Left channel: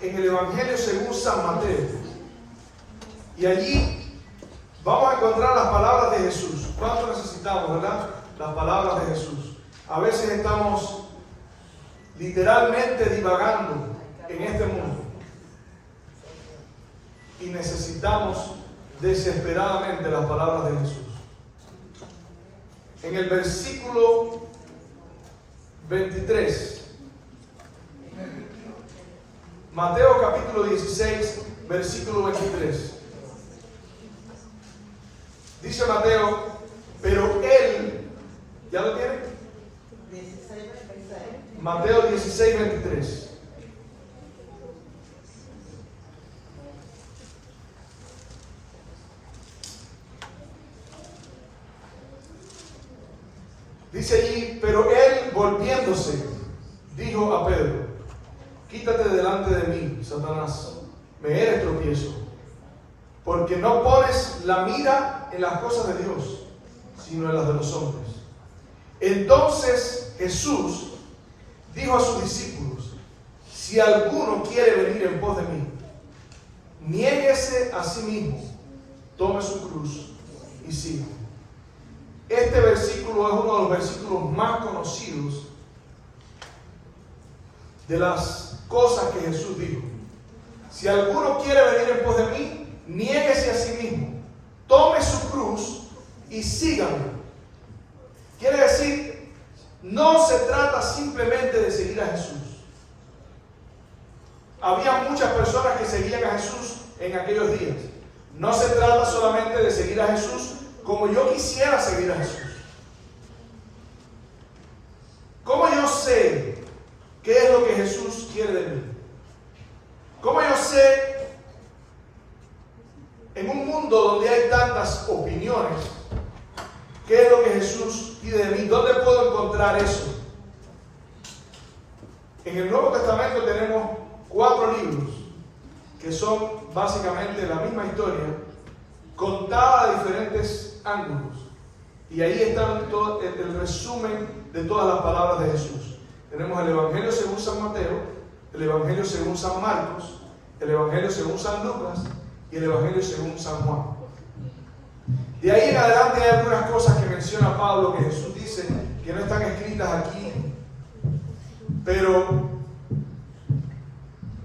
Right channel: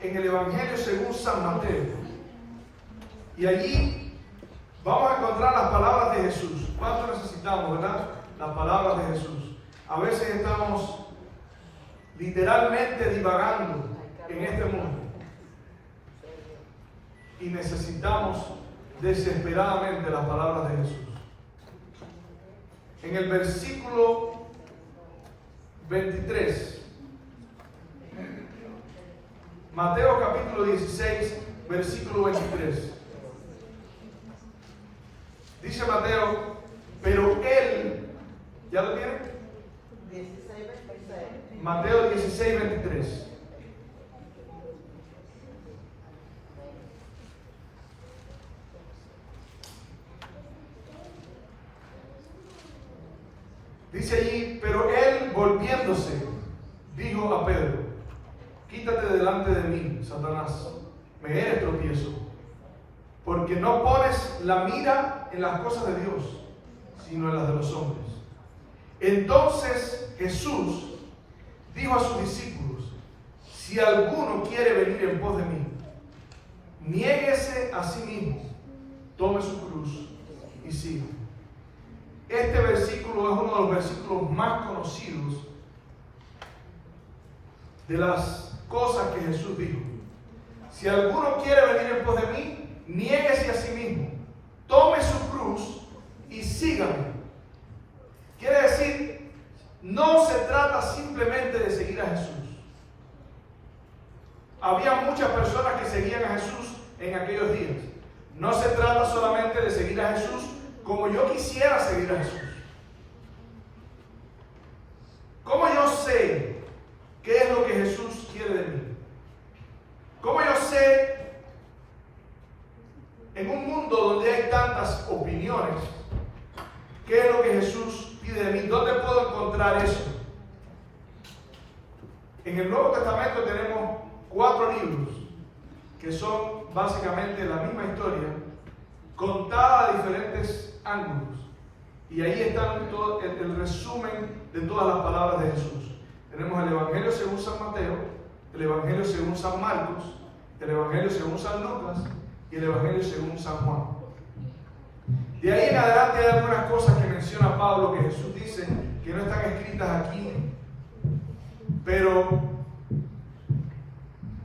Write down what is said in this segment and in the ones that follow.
en el Evangelio según San Mateo. Y allí vamos a encontrar las palabras de Jesús. ¿Cuánto necesitamos, verdad? Las palabras de Jesús. A veces estamos literalmente divagando en este mundo. Y necesitamos desesperadamente las palabras de Jesús. En el versículo 23, Mateo capítulo 16, versículo 23. Dice Mateo, pero él, ¿ya lo tiene? Mateo 16, 23. Dice allí, pero él volviéndose, dijo a Pedro, quítate delante de mí, Satanás, me eres tropiezo, porque no pones la mira en las cosas de Dios, sino en las de los hombres. Entonces Jesús dijo a sus discípulos, si alguno quiere venir en pos de mí, niéguese a sí mismo, tome su cruz y siga. Este versículo es uno de los versículos más conocidos de las cosas que Jesús dijo. Si alguno quiere venir en pos de mí, niéguese a sí mismo, tome su cruz y sígame. Quiere decir, no se trata simplemente de seguir a Jesús. Había muchas personas que seguían a Jesús en aquellos días. No se trata solamente de seguir a Jesús como yo quisiera seguir a Jesús. ¿Cómo yo sé qué es lo que Jesús quiere de mí? ¿Cómo yo sé, en un mundo donde hay tantas opiniones, qué es lo que Jesús pide de mí? ¿Dónde puedo encontrar eso? En el Nuevo Testamento tenemos 4 libros que son básicamente la misma historia, contada a diferentes ángulos. Y ahí está todo el resumen de todas las palabras de Jesús. Tenemos el Evangelio según San Mateo, el Evangelio según San Marcos, el Evangelio según San Lucas y el Evangelio según San Juan. De ahí en adelante hay algunas cosas que menciona Pablo que Jesús dice que no están escritas aquí, pero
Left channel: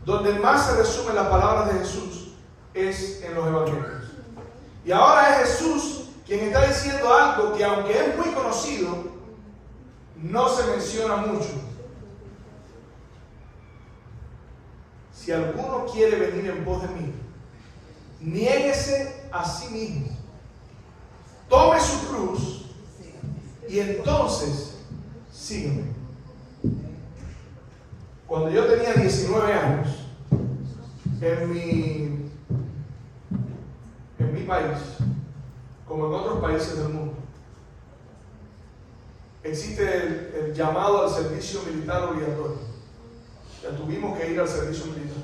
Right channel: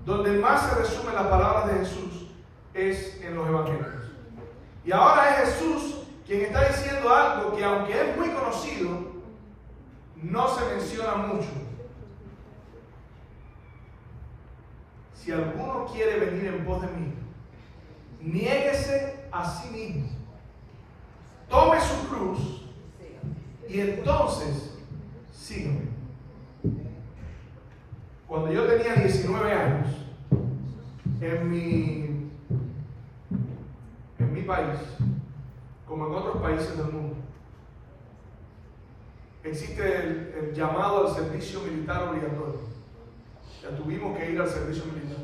donde más se resumen las palabras de Jesús es en los Evangelios. Y ahora es Jesús quien está diciendo algo que, aunque es muy conocido, no se menciona mucho. Si alguno quiere venir en pos de mí, niéguese a sí mismo, tome su cruz y entonces sígueme. Cuando yo tenía 19 años, en mi país, como en otros países del mundo, existe el llamado al servicio militar obligatorio. Ya tuvimos que ir al servicio militar.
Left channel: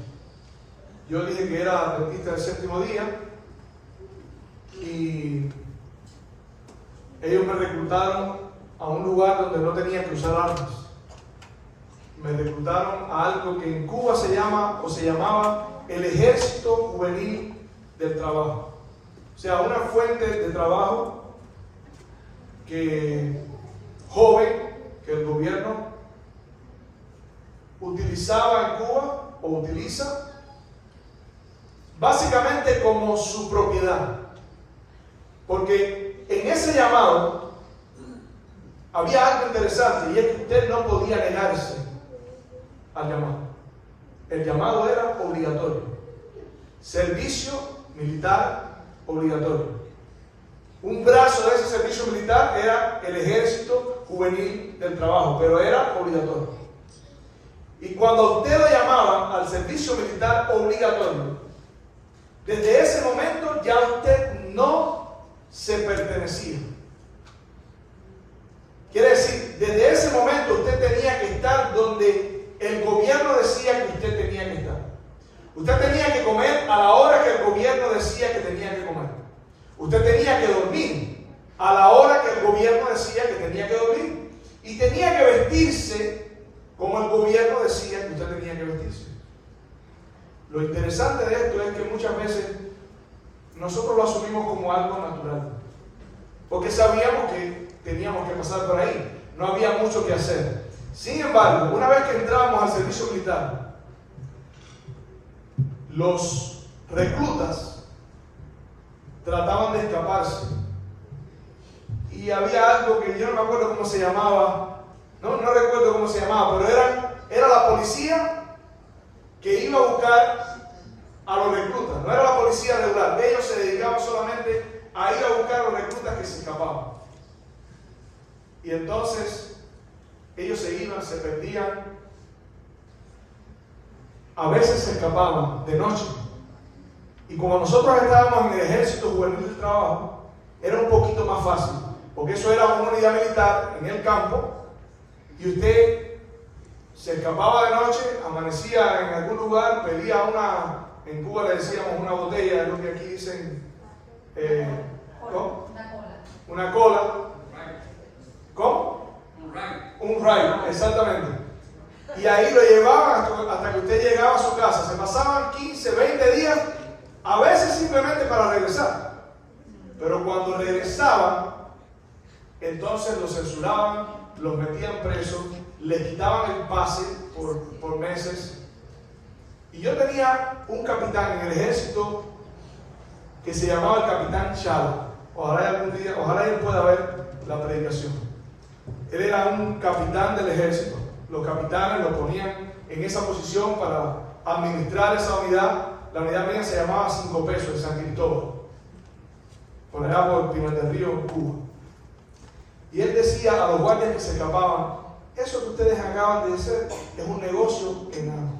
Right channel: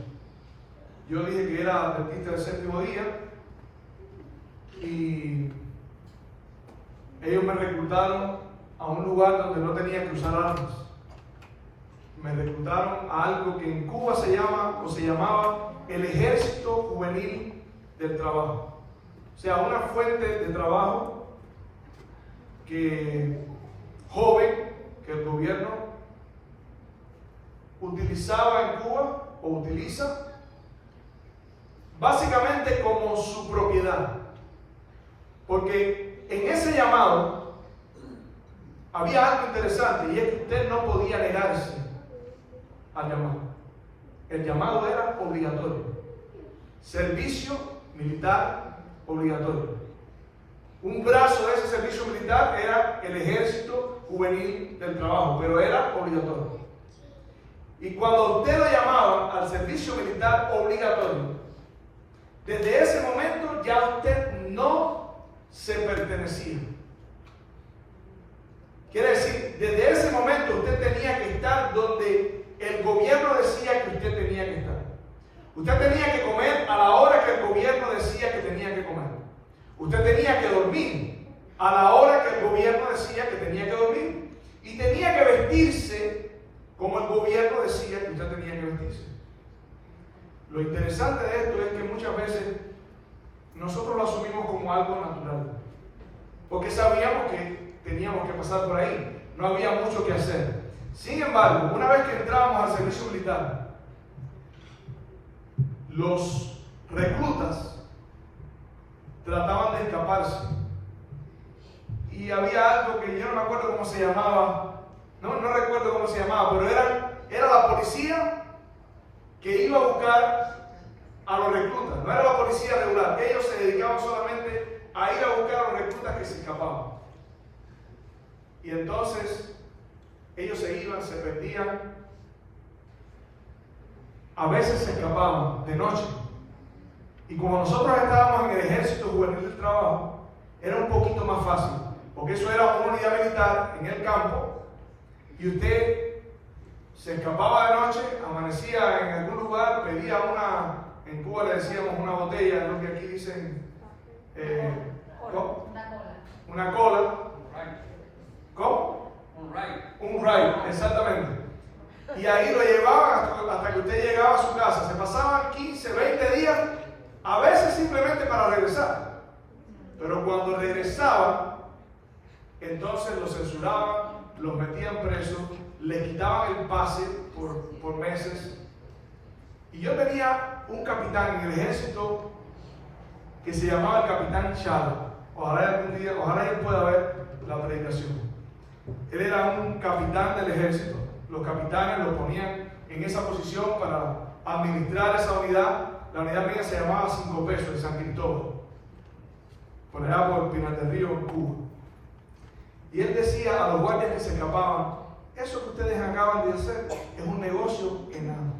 Yo dije que era adventista del séptimo día y ellos me reclutaron a un lugar donde no tenía que usar armas. Me reclutaron a algo que en Cuba se llamaba el Ejército Juvenil del Trabajo. O sea, una fuente de trabajo joven que el gobierno utilizaba en Cuba o utiliza básicamente como su propiedad. Porque en ese llamado había algo interesante y es que usted no podía negarse al llamado. El llamado era obligatorio. Servicio militar obligatorio. Un brazo de ese servicio militar era el Ejército Juvenil del Trabajo, pero era obligatorio. Y cuando usted lo llamaban al servicio militar obligatorio, desde ese momento ya usted no se pertenecía. Quiere decir, desde ese momento usted tenía que estar donde el gobierno decía que usted tenía que estar. Usted tenía que comer a la hora que el gobierno decía que tenía que comer. Usted tenía que dormir a la hora que el gobierno decía que tenía que dormir. Y tenía que vestirse como el gobierno decía que usted tenía que vestirse. Lo interesante de esto es que muchas veces nosotros lo asumimos como algo natural, porque sabíamos que teníamos que pasar por ahí, no había mucho que hacer. Sin embargo, una vez que entrábamos al servicio militar, los reclutas trataban de escaparse. Y había algo que yo no me acuerdo cómo se llamaba, no recuerdo cómo se llamaba, pero era la policía que iba a buscar a los reclutas. No era la policía regular, ellos se dedicaban solamente a ir a buscar a los reclutas que se escapaban. Y entonces ellos se iban, se perdían, a veces se escapaban de noche. Y como nosotros estábamos en el Ejército Juvenil del Trabajo, era un poquito más fácil, porque eso era una unidad militar en el campo, y usted se escapaba de noche, amanecía en algún lugar, pedía en Cuba le decíamos una botella, es lo que aquí dicen, ¿cómo? Una cola. ¿Cómo? Un ride, exactamente. Y ahí lo llevaban hasta que usted llegaba a su casa. Se pasaban 15, 20 días, a veces simplemente para regresar. Pero cuando regresaban, entonces los censuraban, los metían presos, les quitaban el pase por meses. Y yo tenía un capitán en el ejército que se llamaba el capitán Chalo. Ojalá algún día, ojalá él pueda ver la predicación. Él era un capitán del ejército. Los capitanes lo ponían en esa posición para administrar esa unidad. La unidad mía se llamaba 5 Pesos de San Cristóbal, por allá por Pinar del Río, en Cuba. Y él decía a los guardias que se escapaban: eso que ustedes acaban de hacer es un negocio enano.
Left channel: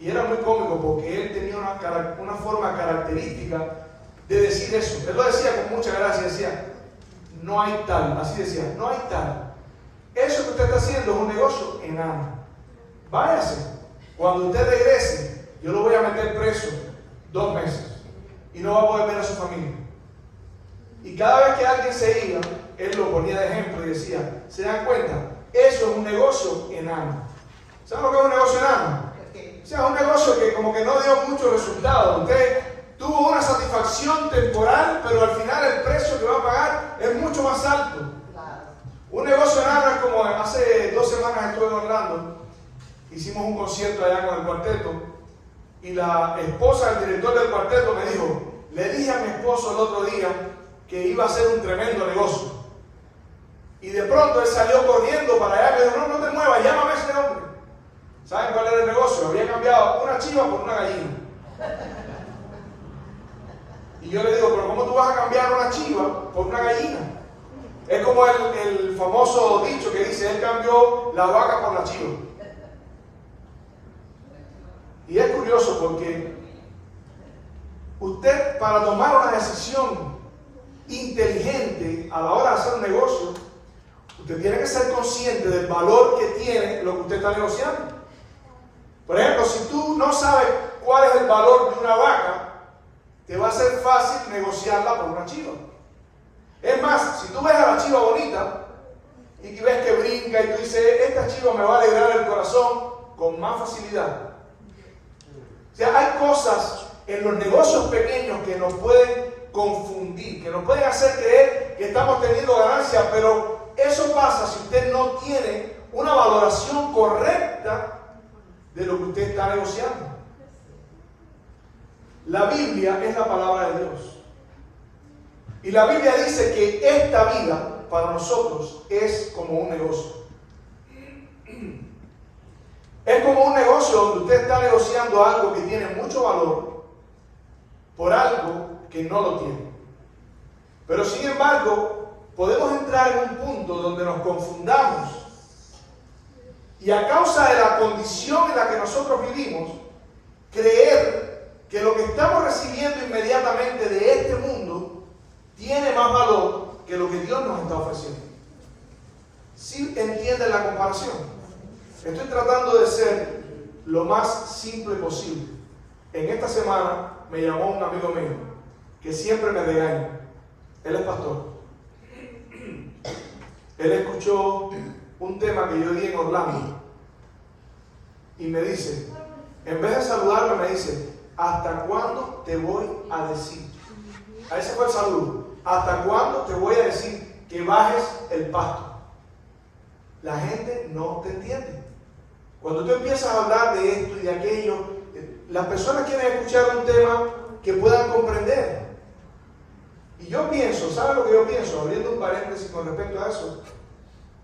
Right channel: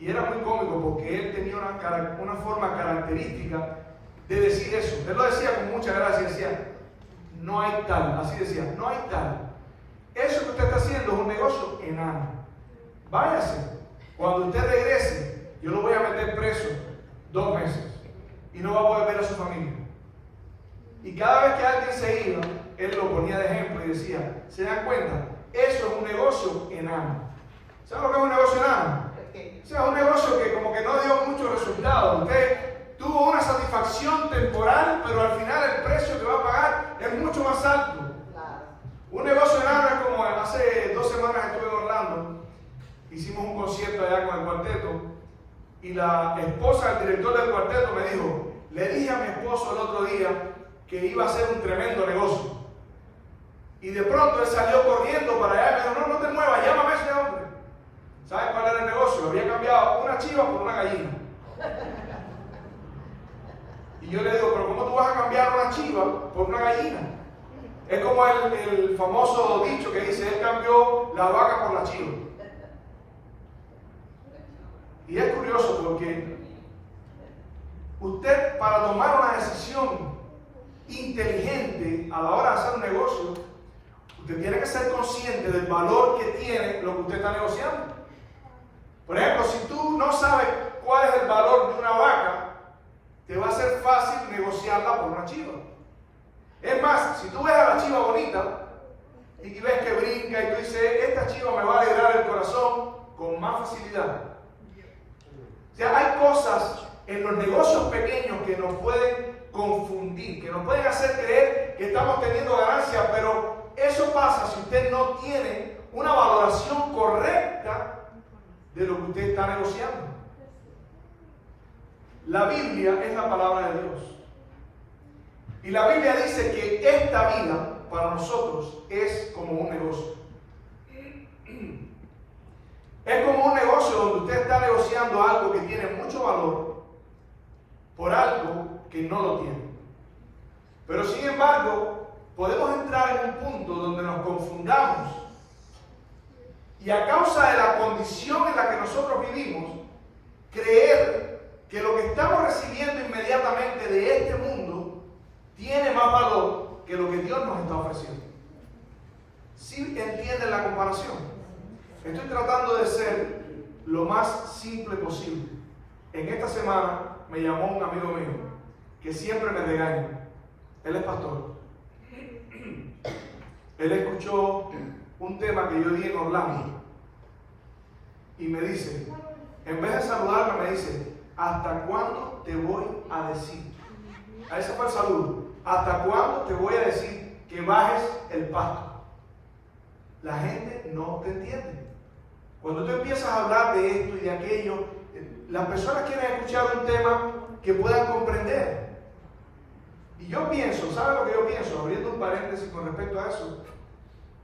Y era muy cómico porque él tenía una forma característica de decir eso. Él lo decía con mucha gracia, decía: no hay tal, así decía, no hay tal. Eso que usted está haciendo es un negocio enano. Váyase. Cuando usted regrese, yo lo voy a meter preso 2 meses y no va a poder ver a su familia. Y cada vez que alguien se iba, él lo ponía de ejemplo y decía: ¿se dan cuenta? Eso es un negocio enano. ¿Saben lo que es un negocio enano? O sea, un negocio que como que no dio mucho resultado. Usted tuvo una satisfacción temporal, pero al final el precio que va a pagar es mucho más alto. Un negocio enano es como hace 2 semanas estuve en Orlando, hicimos un concierto allá con el cuarteto, y la esposa del director del cuarteto me dijo: le dije a mi esposo el otro día que iba a ser un tremendo negocio. Y de pronto él salió corriendo para allá y me dijo: no te muevas, llámame a ese hombre. ¿Saben cuál era el negocio? Había cambiado una chiva por una gallina. Y yo le digo: pero ¿cómo tú vas a cambiar una chiva por una gallina? Es como el famoso dicho que dice: él cambió la vaca por la chiva. Y es curioso porque usted, para tomar una decisión inteligente a la hora de hacer un negocio, usted tiene que ser consciente del valor que tiene lo que usted está negociando. Por ejemplo, si tú no sabes cuál es el valor de una vaca, te va a ser fácil negociarla por una chiva. Es más, si tú ves a la chiva bonita y que ves que brinca y tú dices: esta chiva me va a alegrar el corazón, con más facilidad. O sea, hay cosas en los negocios pequeños que nos pueden confundir, que nos pueden hacer creer que estamos teniendo ganancias, pero eso pasa si usted no tiene una valoración correcta de lo que usted está negociando. La Biblia es la palabra de Dios. Y la Biblia dice que esta vida para nosotros es como un negocio. Es como un negocio donde usted está negociando algo que tiene mucho valor por algo que no lo tiene. Pero sin embargo, podemos entrar en un punto donde nos confundamos y, a causa de la condición en la que nosotros vivimos, creer que lo que estamos recibiendo inmediatamente de este mundo tiene más valor que lo que Dios nos está ofreciendo. ¿Sí entienden la comparación? Estoy tratando de ser lo más simple posible. En esta semana me llamó un amigo mío que siempre me regaña. Él es pastor. Él escuchó un tema que yo di en Orlando y me dice: En vez de saludarme me dice, ¿hasta cuándo te voy a decir? A ese fue el saludo. ¿Hasta cuándo te voy a decir que bajes el pasto? La gente no te entiende. Cuando tú empiezas a hablar de esto y de aquello, las personas quieren escuchar un tema que puedan comprender. Y yo pienso, ¿sabe lo que yo pienso? Abriendo un paréntesis con respecto a eso,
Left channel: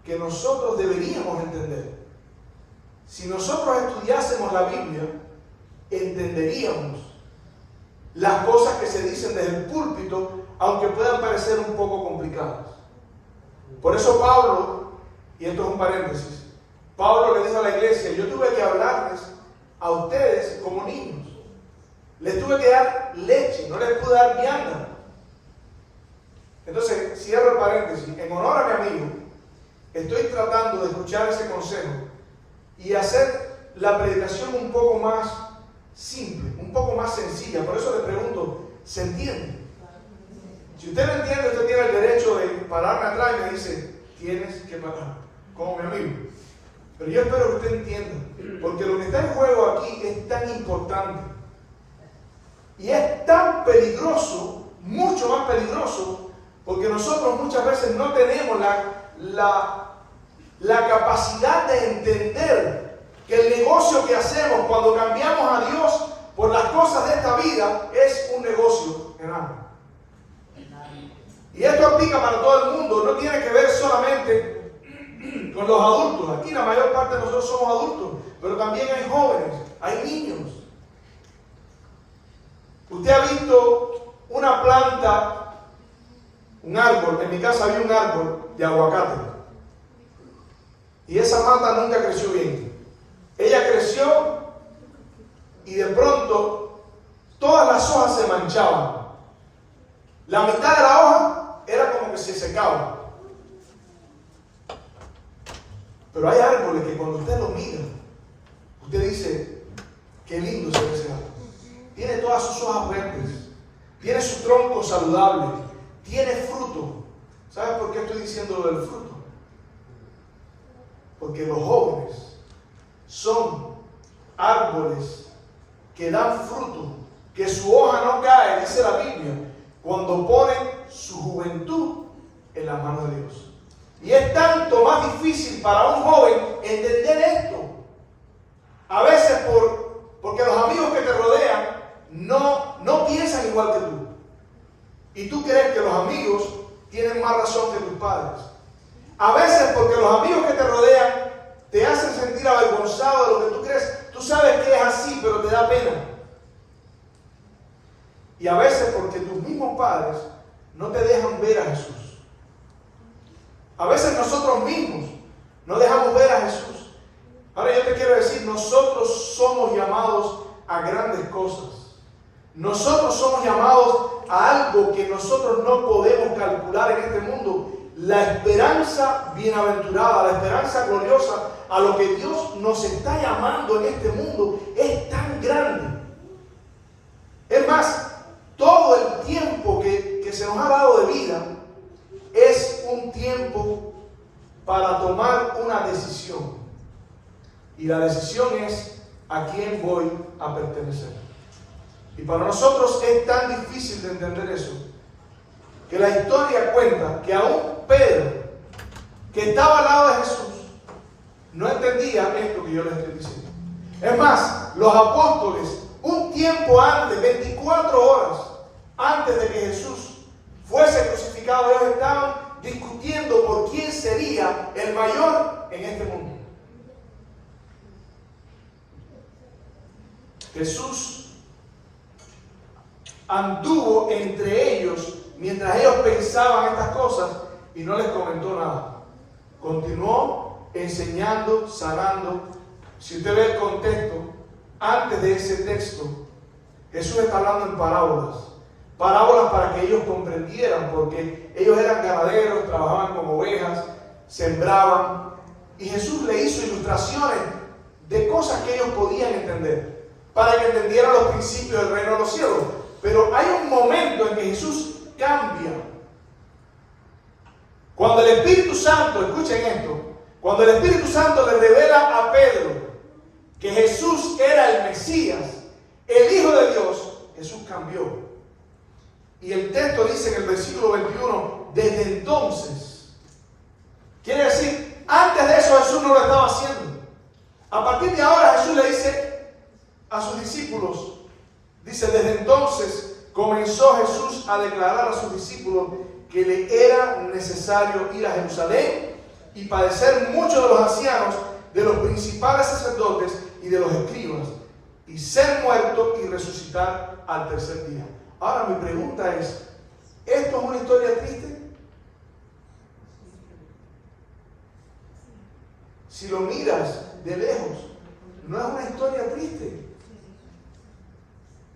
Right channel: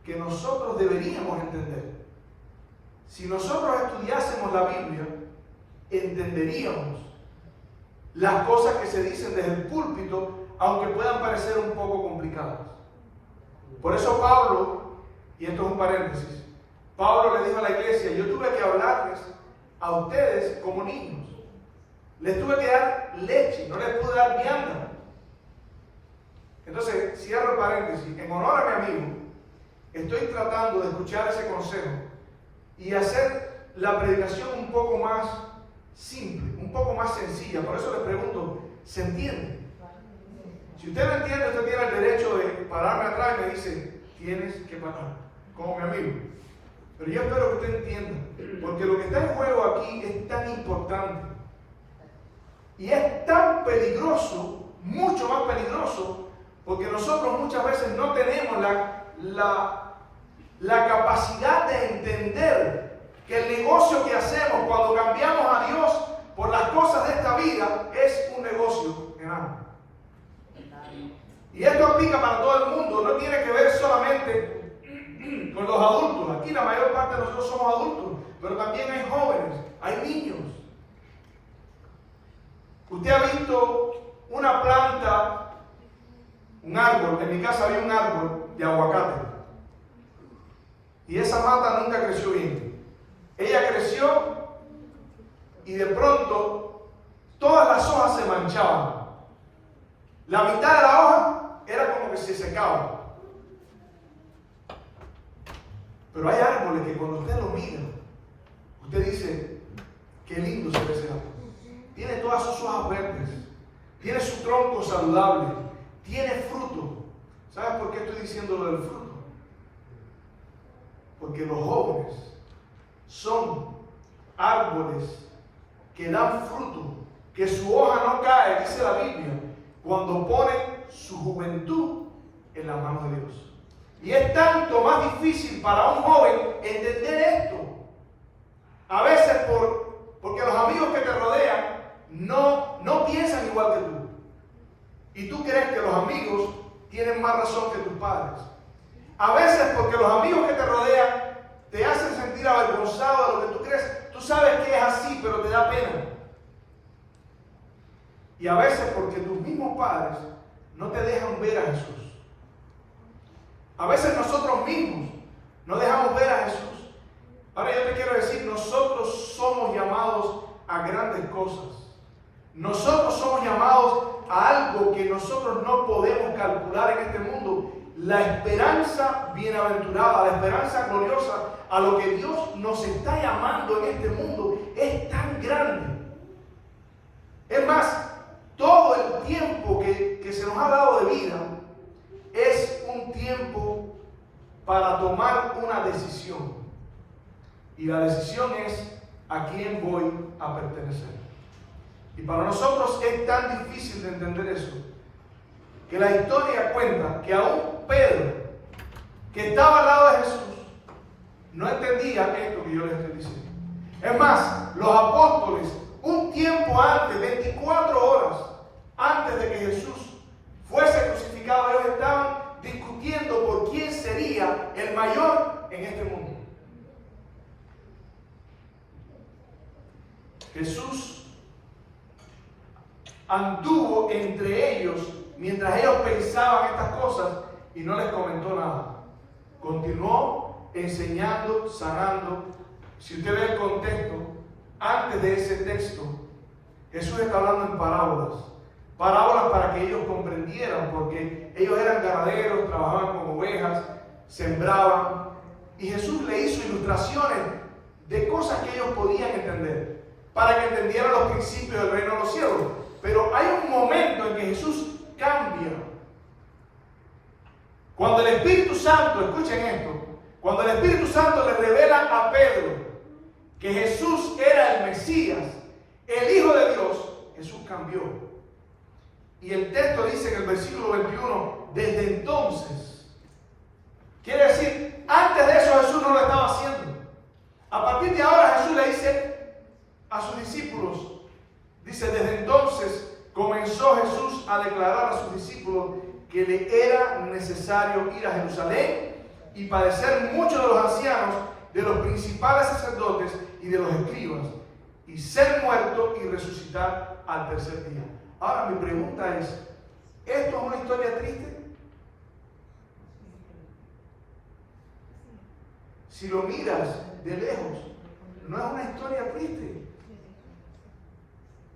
que nosotros deberíamos entender. Si nosotros estudiásemos la Biblia, entenderíamos las cosas que se dicen desde el púlpito, aunque puedan parecer un poco complicadas. Por eso Pablo, y esto es un paréntesis, Pablo le dijo a la iglesia, yo tuve que hablarles a ustedes como niños. Les tuve que dar leche, no les pude dar vianda. Entonces, cierro el paréntesis. En honor a mi amigo, estoy tratando de escuchar ese consejo y hacer la predicación un poco más simple, un poco más sencilla. Por eso le pregunto, ¿se entiende? Si usted no entiende, usted tiene el derecho de pararme atrás y me dice, tienes que parar, como mi amigo. Pero yo espero que usted entienda, porque lo que está en juego aquí es tan importante y es tan peligroso, mucho más peligroso, porque nosotros muchas veces no tenemos la capacidad de entender que el negocio que hacemos cuando cambiamos a Dios por las cosas de esta vida es un negocio enorme. Y esto aplica para todo el mundo, no tiene que ver solamente con los adultos. Aquí la mayor parte de nosotros somos adultos, pero también hay jóvenes, hay niños. Usted ha visto una planta, un árbol, en mi casa había un árbol de aguacate. Y esa mata nunca creció bien. Ella creció y de pronto todas las hojas se manchaban. La mitad de la hoja era como que se secaba. Pero hay árboles que cuando usted lo mira, usted dice, qué lindo se ve ese árbol. Tiene todas sus hojas verdes, tiene su tronco saludable, tiene fruto. ¿Sabes por qué estoy diciendo lo del fruto? Porque los jóvenes son árboles que dan fruto, que su hoja no cae, dice la Biblia, cuando ponen su juventud en las manos de Dios. Y es tanto más difícil para un joven entender esto. A veces porque los amigos que te rodean no piensan igual que tú. Y tú crees que los amigos tienen más razón que tus padres. A veces porque los amigos que te rodean te hacen sentir avergonzado de lo que tú crees. Tú sabes que es así, pero te da pena. Y a veces porque tus mismos padres no te dejan ver a Jesús. A veces nosotros mismos no dejamos ver a Jesús. Ahora yo te quiero decir, nosotros somos llamados a grandes cosas. Nosotros somos llamados a algo que nosotros no podemos calcular en este mundo. La esperanza bienaventurada, la esperanza gloriosa, a lo que Dios nos está llamando en este mundo es tan grande. Es más, todo el tiempo que se nos ha dado de vida es un tiempo para tomar una decisión. Y la decisión es a quién voy a pertenecer. Y para nosotros es tan difícil de entender eso, que la historia cuenta que aún Pedro, que estaba al lado de Jesús, no entendía esto que yo les estoy diciendo. Es más, los apóstoles, un tiempo antes, 24 horas antes de que Jesús fuese crucificado, ellos estaban discutiendo por quién sería el mayor en este mundo. Jesús anduvo entre ellos mientras ellos pensaban estas cosas y no les comentó nada. Continuó enseñando, sanando. Si usted ve el contexto, antes de ese texto, Jesús está hablando en parábolas. Parábolas para que ellos comprendieran, porque ellos eran ganaderos, trabajaban con ovejas, sembraban. Y Jesús le hizo ilustraciones de cosas que ellos podían entender, para que entendieran los principios del reino de los cielos. Pero hay un momento en que Jesús cambia. Cuando el Espíritu Santo, escuchen esto, cuando el Espíritu Santo le revela a Pedro que Jesús era el Mesías, el Hijo de Dios, Jesús cambió. Y el texto dice en el versículo 21, desde entonces. Quiere decir, antes de eso Jesús no lo estaba haciendo. A partir de ahora Jesús le dice a sus discípulos, dice, desde entonces comenzó Jesús a declarar a sus discípulos que le era necesario ir a Jerusalén y padecer muchos de los ancianos, de los principales sacerdotes y de los escribas, y ser muerto y resucitar al tercer día. Ahora mi pregunta es, ¿esto es una historia triste? Si lo miras de lejos, no es una historia triste.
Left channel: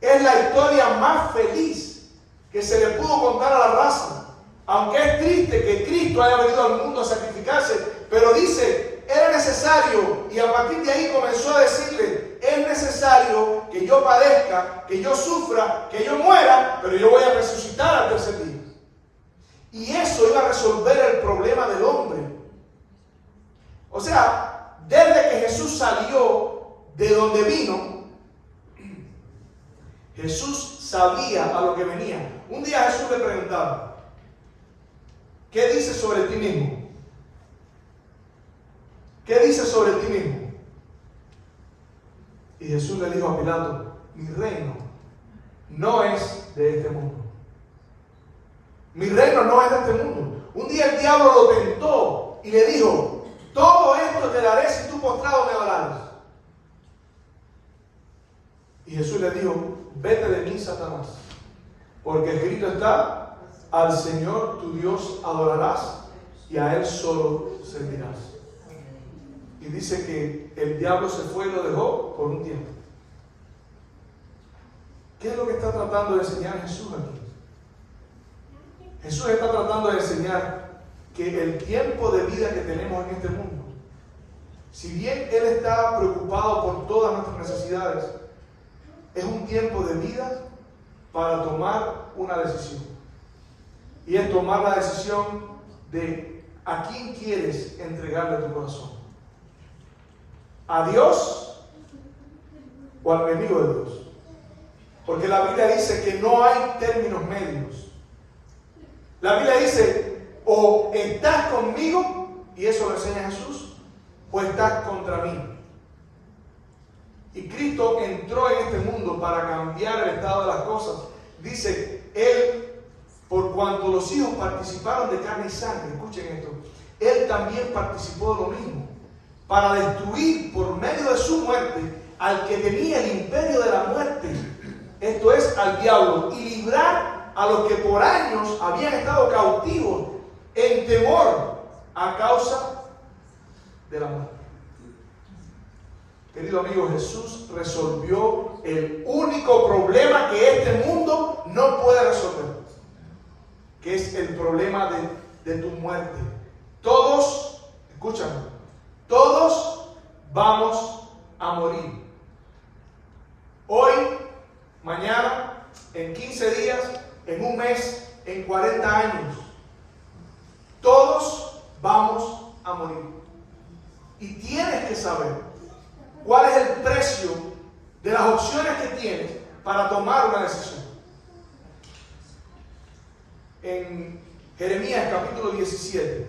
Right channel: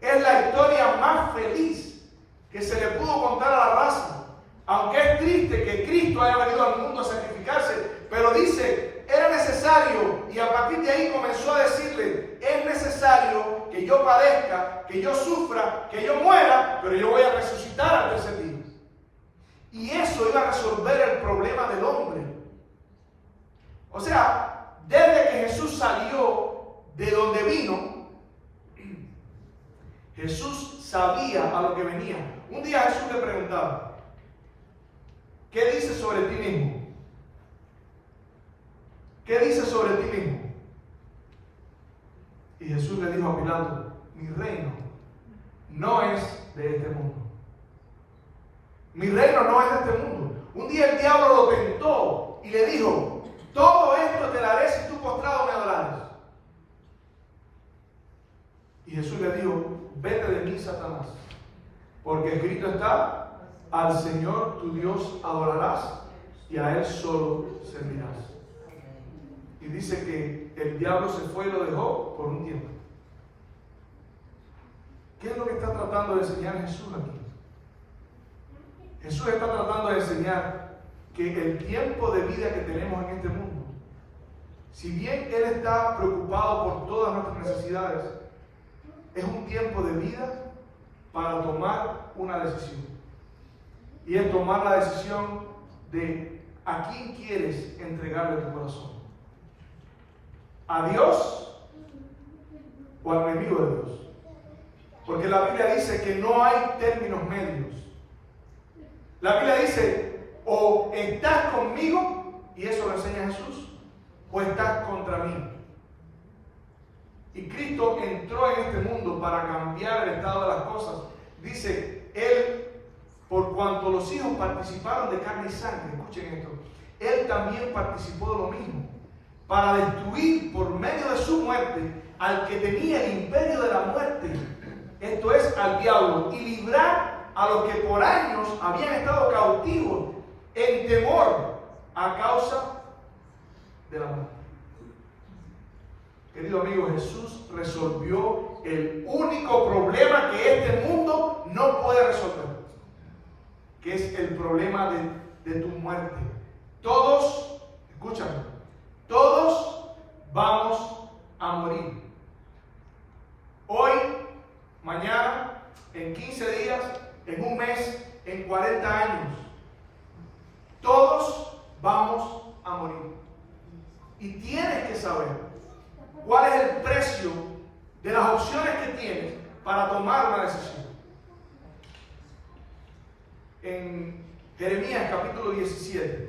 Es la historia más feliz que se le pudo contar a la raza. Aunque es triste que Cristo haya venido al mundo a sacrificarse, pero dice, era necesario, y a partir de ahí comenzó a decirle, es necesario que yo padezca, que yo sufra, que yo muera, pero yo voy a resucitar al tercer día. Y eso iba a resolver el problema del hombre. O sea, desde que Jesús salió de donde vino, Jesús sabía a lo que venía. Un día Jesús le preguntaba, ¿qué dices sobre ti mismo? ¿Qué dices sobre ti mismo? Y Jesús le dijo a Pilato, mi reino no es de este mundo. Mi reino no es de este mundo. Un día el diablo lo tentó y le dijo, todo esto te daré si tú postrado me adorares. Y Jesús le dijo, vete de mí, Satanás, porque escrito está, al Señor tu Dios adorarás y a Él solo servirás. Y dice que el diablo se fue y lo dejó por un tiempo. ¿Qué es lo que está tratando de enseñar Jesús aquí? Jesús está tratando de enseñar que el tiempo de vida que tenemos en este mundo, si bien Él está preocupado por todas nuestras necesidades, es un tiempo de vida para tomar una decisión. Y es tomar la decisión de a quién quieres entregarle tu corazón. ¿A Dios o al enemigo de Dios? Porque la Biblia dice que no hay términos medios. La Biblia dice, o estás conmigo, y eso lo enseña Jesús, o estás contra mí. Y Cristo entró en este mundo para cambiar el estado de las cosas. Dice, Él, por cuanto los hijos participaron de carne y sangre, escuchen esto, Él también participó de lo mismo, para destruir por medio de su muerte al que tenía el imperio de la muerte, esto es, al diablo, y librar a los que por años habían estado cautivos en temor a causa de la muerte. Querido amigo, Jesús resolvió el único problema que este mundo no puede resolver, que es el problema de tu muerte. Todos, escúchame, todos vamos a morir. Hoy, mañana, en 15 días, en un mes, en 40 años. Todos vamos a morir. Y tienes que saber cuál es el precio de las opciones que tienes para tomar una decisión. En Jeremías capítulo 17,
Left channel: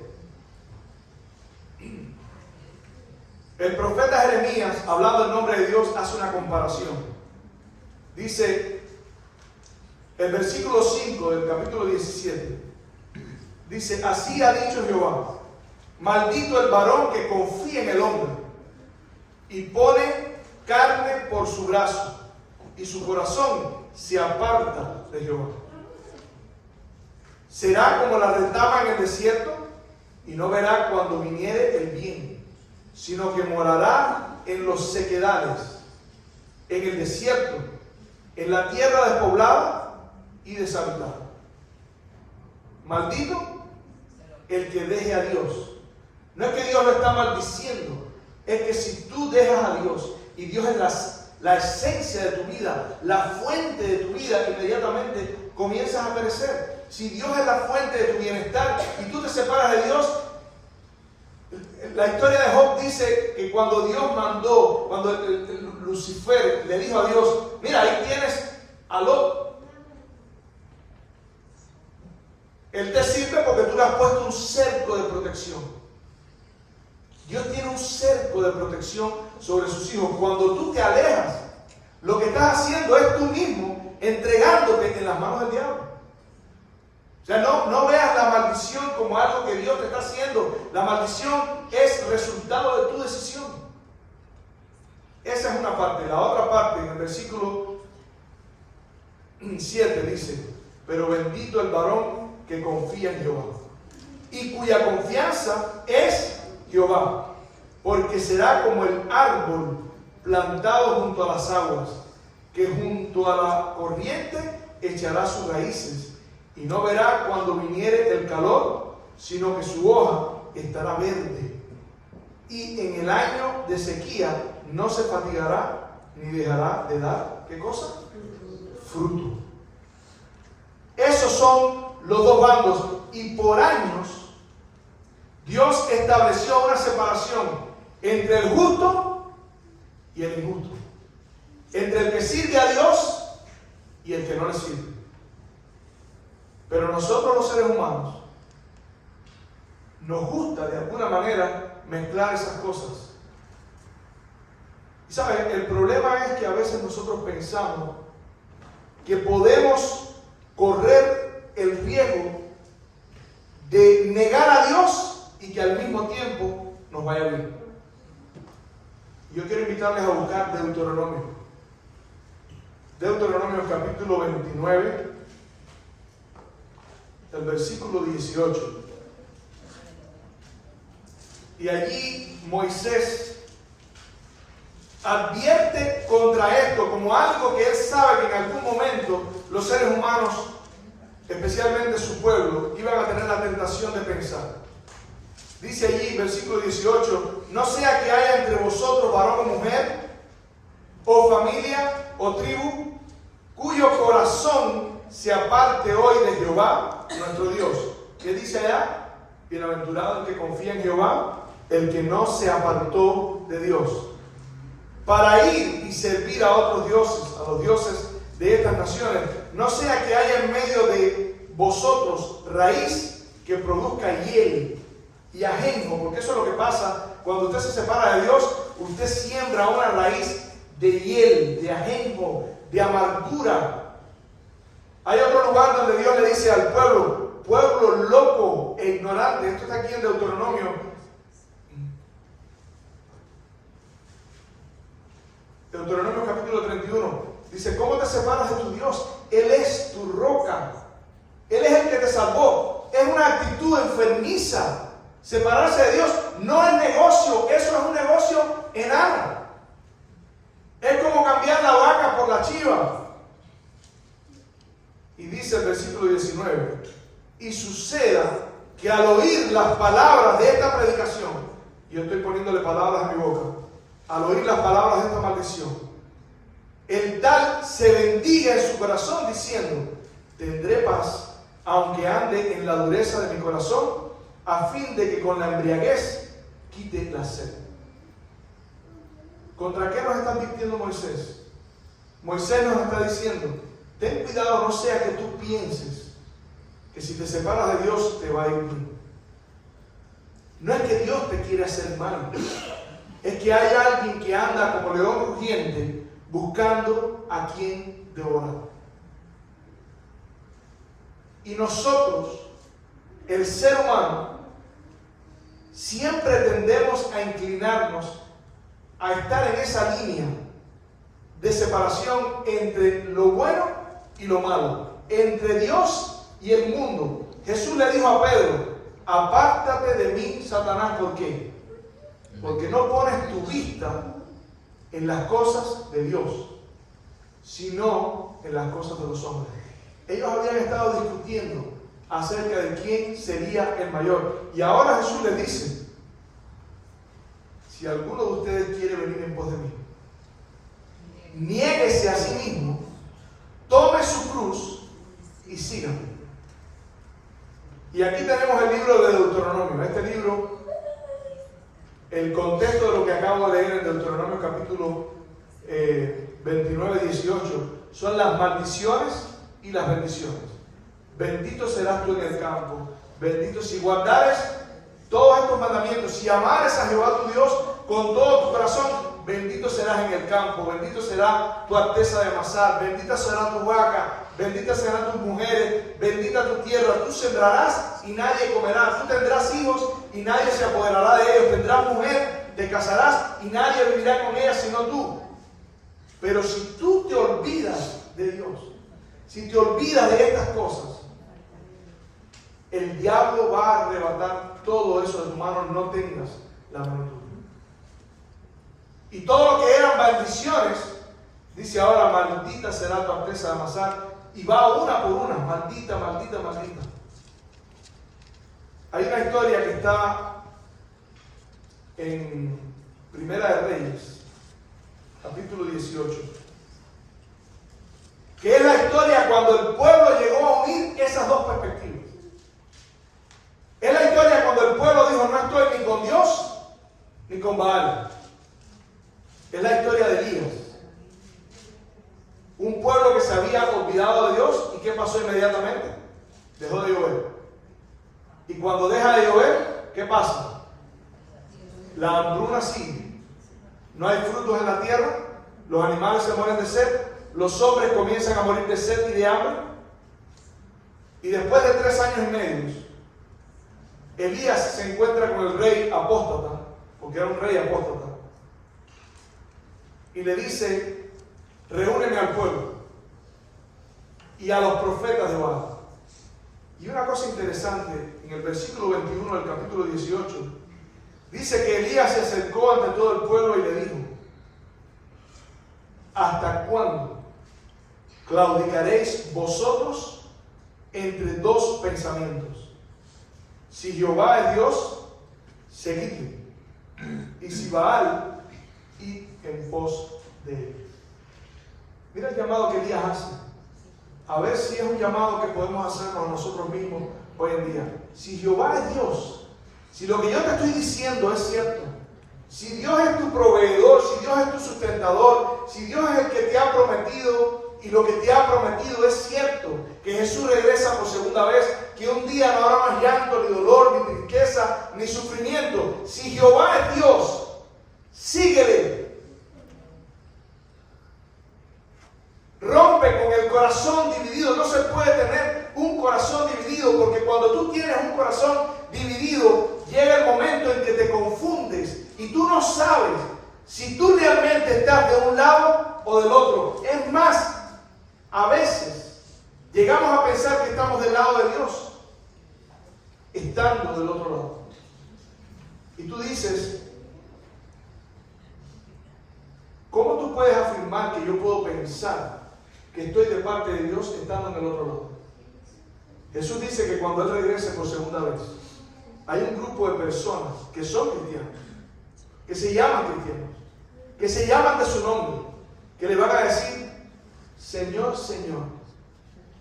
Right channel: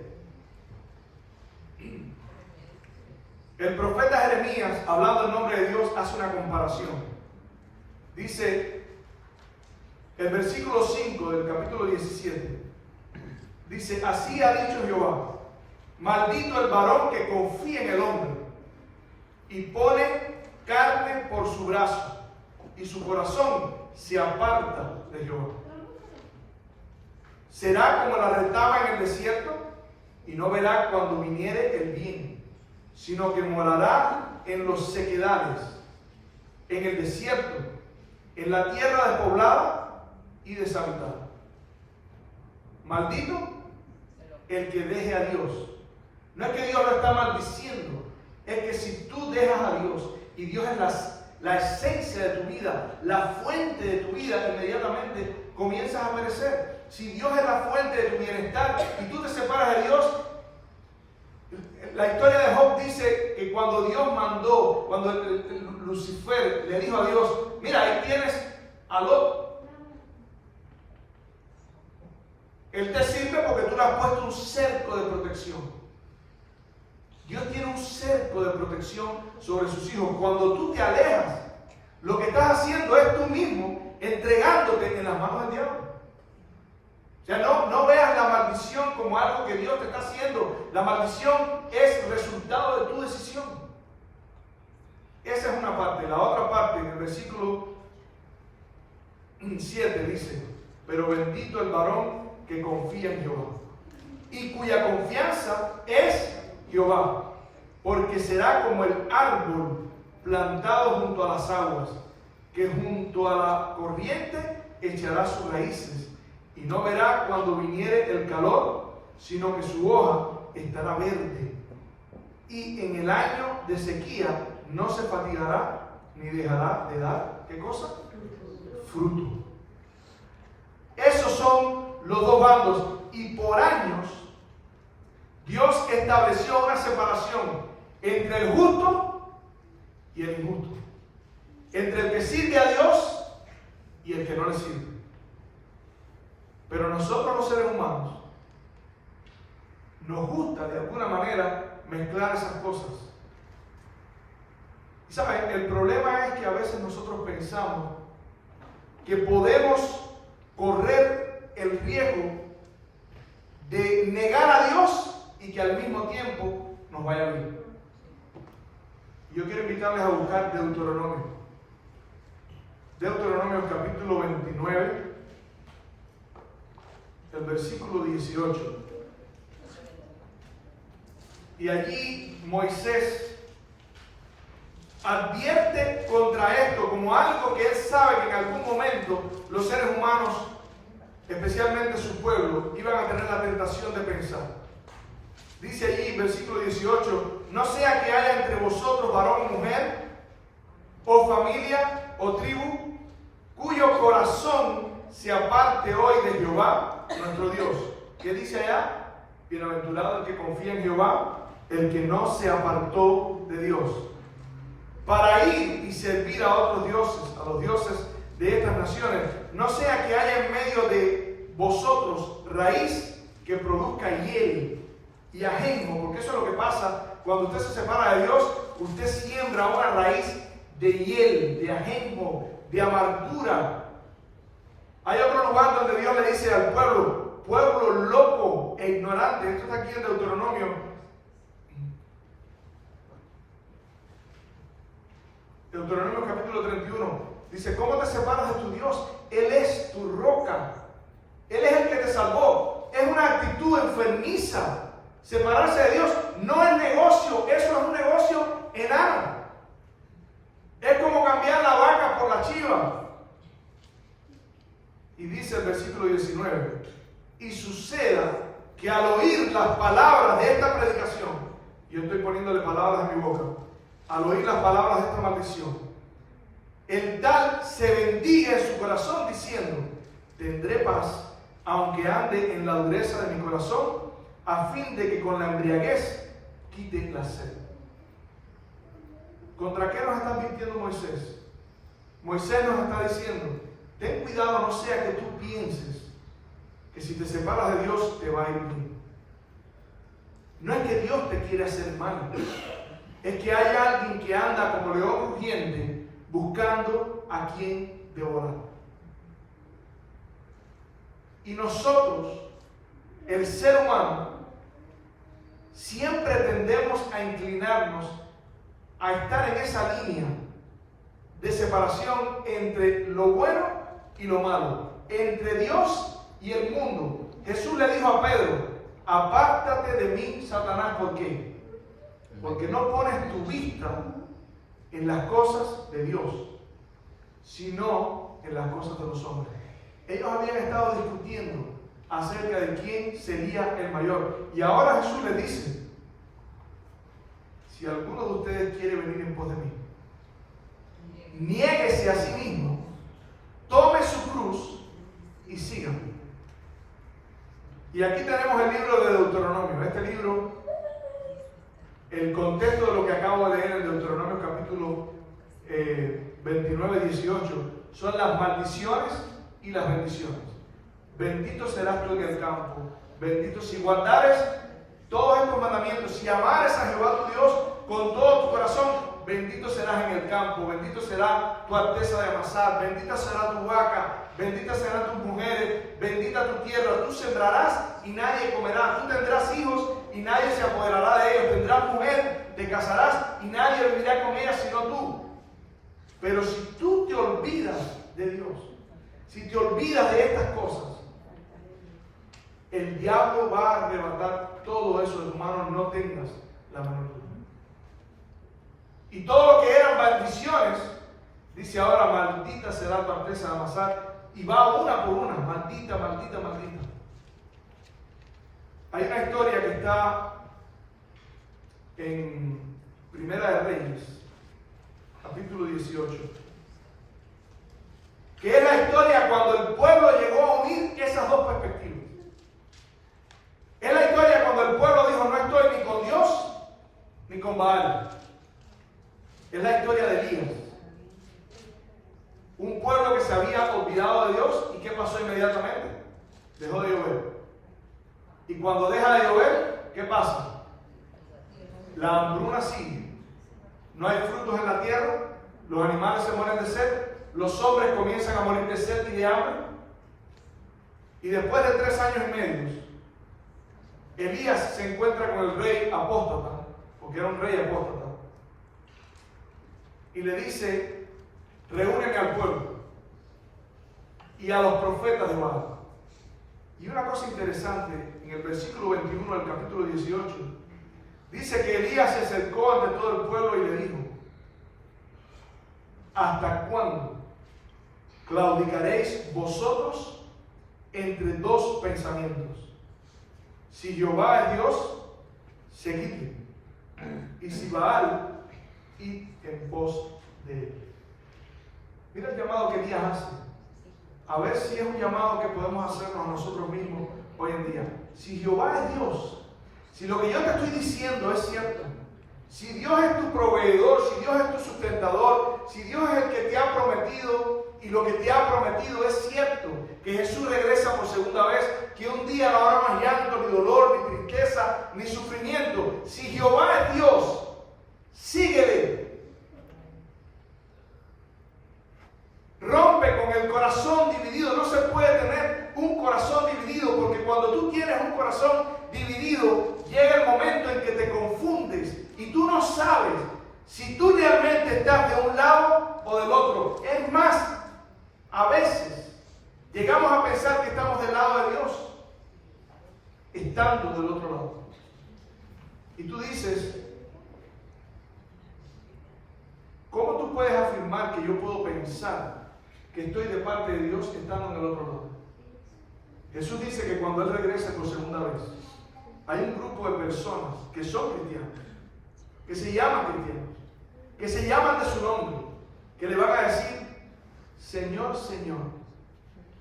el profeta Jeremías, hablando en nombre de Dios, hace una comparación. Dice, el versículo 5 del capítulo 17, dice, así ha dicho Jehová, maldito el varón que confía en el hombre y pone carne por su brazo, y su corazón se aparta de Jehová. Será como la retama en el desierto, y no verá cuando viniere el bien, sino que morará en los sequedades, en el desierto, en la tierra despoblada y deshabitada. Maldito el que deje a Dios. No es que Dios lo está maldiciendo, es que si tú dejas a Dios, y Dios es la esencia de tu vida, la fuente de tu vida, inmediatamente comienzas a perecer. Si Dios es la fuente de tu bienestar y tú te separas de Dios, La historia de Job dice que cuando Dios mandó, cuando Lucifer le dijo a Dios, mira, ahí tienes a Lot. Él te sirve porque tú le has puesto un cerco de protección. Dios tiene un cerco de protección sobre sus hijos. Cuando tú te alejas, lo que estás haciendo es tú mismo entregándote en las manos del diablo. O sea, no veas la maldición como algo que Dios te está haciendo. La maldición es resultado de tu decisión. Esa es una parte. La otra parte, en el versículo 7 dice, pero bendito el varón que confía en Jehová y cuya confianza es Jehová, porque será como el árbol plantado junto a las aguas, que junto a la corriente echará sus raíces y no verá cuando viniere el calor, sino que su hoja estará verde, y en el año de sequía no se fatigará ni dejará de dar, ¿qué cosa? Fruto. Esos son los dos bandos, y por años Dios estableció una separación entre el justo y el injusto, entre el que sirve a Dios y el que no le sirve. Pero nosotros los seres humanos nos gusta de alguna manera mezclar esas cosas. Y saben, el problema es que a veces nosotros pensamos que podemos correr el riesgo de negar a Dios y que al mismo tiempo nos vaya bien. Y yo quiero invitarles a buscar Deuteronomio. Deuteronomio capítulo 29, el versículo 18. Y allí Moisés advierte contra esto como algo que él sabe que en algún momento los seres humanos, especialmente su pueblo, iban a tener la tentación de pensar. Dice allí, versículo 18, no sea que haya entre vosotros varón o mujer, o familia, o tribu, cuyo corazón se aparte hoy de Jehová, nuestro Dios. ¿Qué dice allá? Bienaventurado el que confía en Jehová, el que no se apartó de Dios, para ir y servir a otros dioses, a los dioses de estas naciones. No sea que haya en medio de vosotros raíz que produzca hiel y ajenjo, porque eso es lo que pasa cuando usted se separa de Dios. Usted siembra una raíz de hiel, de ajenjo, de amargura. Hay otro lugar donde Dios le dice al pueblo, pueblo loco e ignorante. Esto está aquí en Deuteronomio. Deuteronomio capítulo 31. Dice, ¿cómo te separas de tu Dios? Él es tu roca. Él es el que te salvó. Es una actitud enfermiza. Separarse de Dios no es negocio. Eso es un negocio enano. Es como cambiar la vaca por la chiva. Y dice el versículo 19, y suceda que al oír las palabras de esta predicación, yo estoy poniéndole palabras a mi boca, al oír las palabras de esta maldición, el tal se bendiga en su corazón diciendo, tendré paz, aunque ande en la dureza de mi corazón, a fin de que con la embriaguez quite la sed. ¿Contra qué nos está advirtiendo Moisés? Moisés nos está diciendo, ten cuidado, no sea que tú pienses que si te separas de Dios te va a ir bien. No es que Dios te quiere hacer mal, es que hay alguien que anda como león rugiente buscando a quien devorar. Y nosotros, el ser humano, siempre tendemos a inclinarnos a estar en esa línea de separación entre lo bueno y lo malo, entre Dios y el mundo. Jesús le dijo a Pedro, apártate de mí, Satanás, ¿por qué? Porque no pones tu vista en las cosas de Dios, sino en las cosas de los hombres. Ellos habían estado discutiendo acerca de quién sería el mayor. Y ahora Jesús les dice, si alguno de ustedes quiere venir en pos de mí, niéguese a sí mismo, tome su cruz y síganme. Y aquí tenemos el libro de Deuteronomio. Este libro el contexto de lo que acabo de leer en Deuteronomio capítulo 29, 18, son las maldiciones y las bendiciones. Bendito serás tú en el campo, bendito si guardares todos estos mandamientos, si amares a Jehová tu Dios con todo tu corazón, bendito serás en el campo, bendito será tu arteza de amasar, bendita será tu vaca, bendita serán tus mujeres, bendita tu tierra, tú sembrarás y nadie comerá, tú tendrás hijos y nadie se apoderará de ellos, tendrás mujer, te casarás y nadie vivirá con ella sino tú. Pero si tú te olvidas de Dios, si te olvidas de estas cosas, el diablo va a arrebatar todo eso de tu mano, no tengas la mano. Y todo lo que eran bendiciones, dice ahora, maldita será tu arteza de amasar, y va una por una, maldita, maldita, maldita. Hay una historia que está en Primera de Reyes, capítulo 18, que es la historia cuando el pueblo llegó a unir esas dos perspectivas. Es la historia cuando el pueblo dijo, no estoy ni con Dios ni con Baal. Es la historia de Elías. Un pueblo que se había olvidado de Dios, ¿y qué pasó inmediatamente? Dejó de llover. Y cuando deja de llover, ¿qué pasa? La hambruna sigue. No hay frutos en la tierra, los animales se mueren de sed, los hombres comienzan a morir de sed y de hambre. Y después de 3 años y medio, Elías se encuentra con el rey apóstata, porque era un rey apóstata, y le dice, reúneme al pueblo y a los profetas de Baal. Y una cosa interesante, en el versículo 21 del capítulo 18, dice que Elías se acercó ante todo el pueblo y le dijo, ¿hasta cuándo claudicaréis vosotros entre dos pensamientos? Si Jehová es Dios, seguidle, y si Baal, id en pos de él. Mira el llamado que Elías hace. A ver si es un llamado que podemos hacer para nosotros mismos hoy en día. Si Jehová es Dios, si lo que yo te estoy diciendo es cierto, si Dios es tu proveedor, si Dios es tu sustentador, si Dios es el que te ha prometido y lo que te ha prometido es cierto, que Jesús regresa por segunda vez, que un día no habrá más llanto, ni dolor, ni tristeza, ni sufrimiento. Si Jehová es Dios, síguele. Rompe con el corazón dividido. No se puede tener un corazón dividido, porque cuando tú tienes un corazón dividido, llega el momento en que te confundes y tú no sabes si tú realmente estás de un lado o del otro. Es más, a veces llegamos a pensar que estamos del lado de Dios, estando del otro lado. Y tú dices, ¿cómo tú puedes afirmar que yo puedo pensar que estoy de parte de Dios estando en el otro lado? Jesús dice que cuando Él regrese por segunda vez, hay un grupo de personas que son cristianos, que se llaman cristianos, que se llaman de su nombre, que le van a decir, Señor, Señor,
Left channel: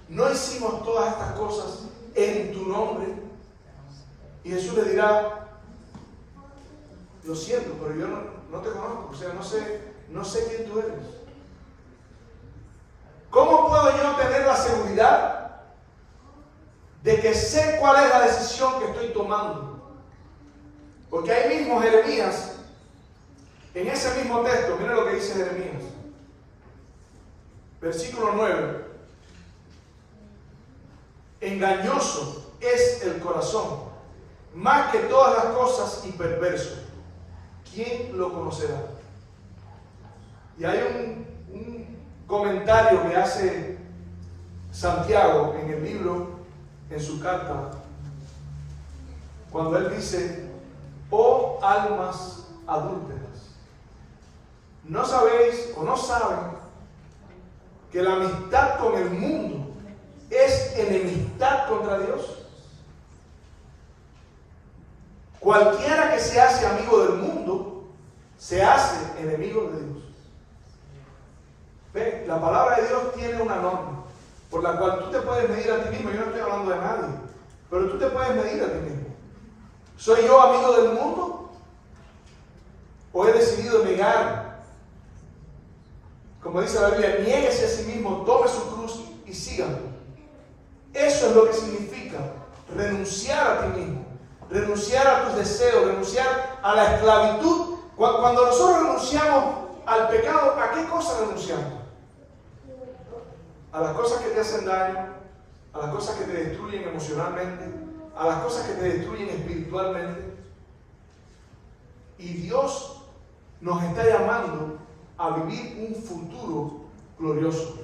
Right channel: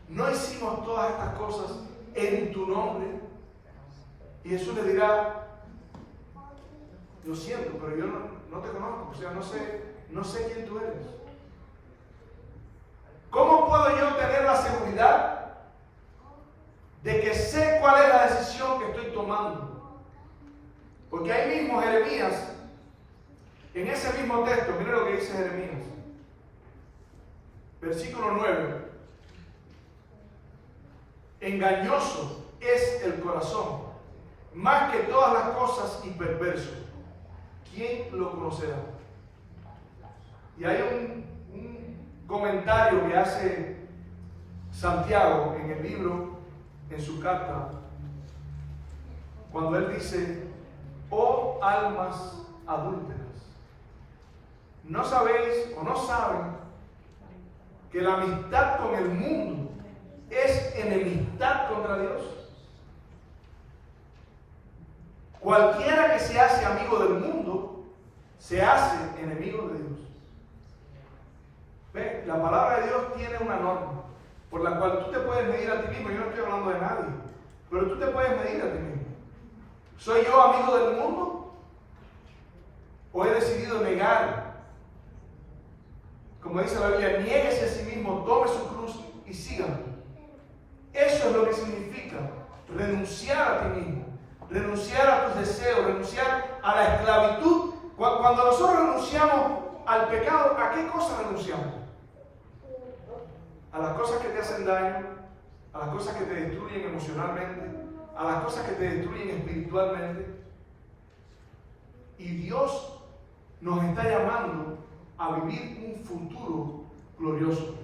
¿no hicimos todas estas cosas en tu nombre? Y Jesús le dirá, lo siento, pero yo no te conozco, o sea, no sé quién tú eres. ¿Cómo puedo yo tener la seguridad de que sé cuál es la decisión que estoy tomando? Porque ahí mismo Jeremías, en ese mismo texto, mira lo que dice Jeremías, versículo 9, engañoso es el corazón, más que todas las cosas, y perverso. ¿Quién lo conocerá? Y hay un comentario que hace Santiago en el libro, en su carta, cuando él dice, oh almas adúlteras, ¿no sabéis o no saben que la amistad con el mundo es enemistad contra Dios? Cualquiera que se hace amigo del mundo se hace enemigo de Dios. ¿Ve? La palabra de Dios tiene una norma por la cual tú te puedes medir a ti mismo. Yo no estoy hablando de nadie, pero tú te puedes medir a ti mismo. ¿Soy yo amigo del mundo? o he decidido negar. Como dice la Biblia, niéguese a sí mismo, tome su cruz y sígame. Eso es lo que significa renunciar a ti mismo, renunciar a tus deseos, renunciar a la esclavitud. Cuando nosotros renunciamos al pecado, ¿a qué cosas renunciamos? A las cosas que te hacen daño, a las cosas que te destruyen emocionalmente, a las cosas que te destruyen espiritualmente. Y Dios nos está llamando a vivir un futuro glorioso.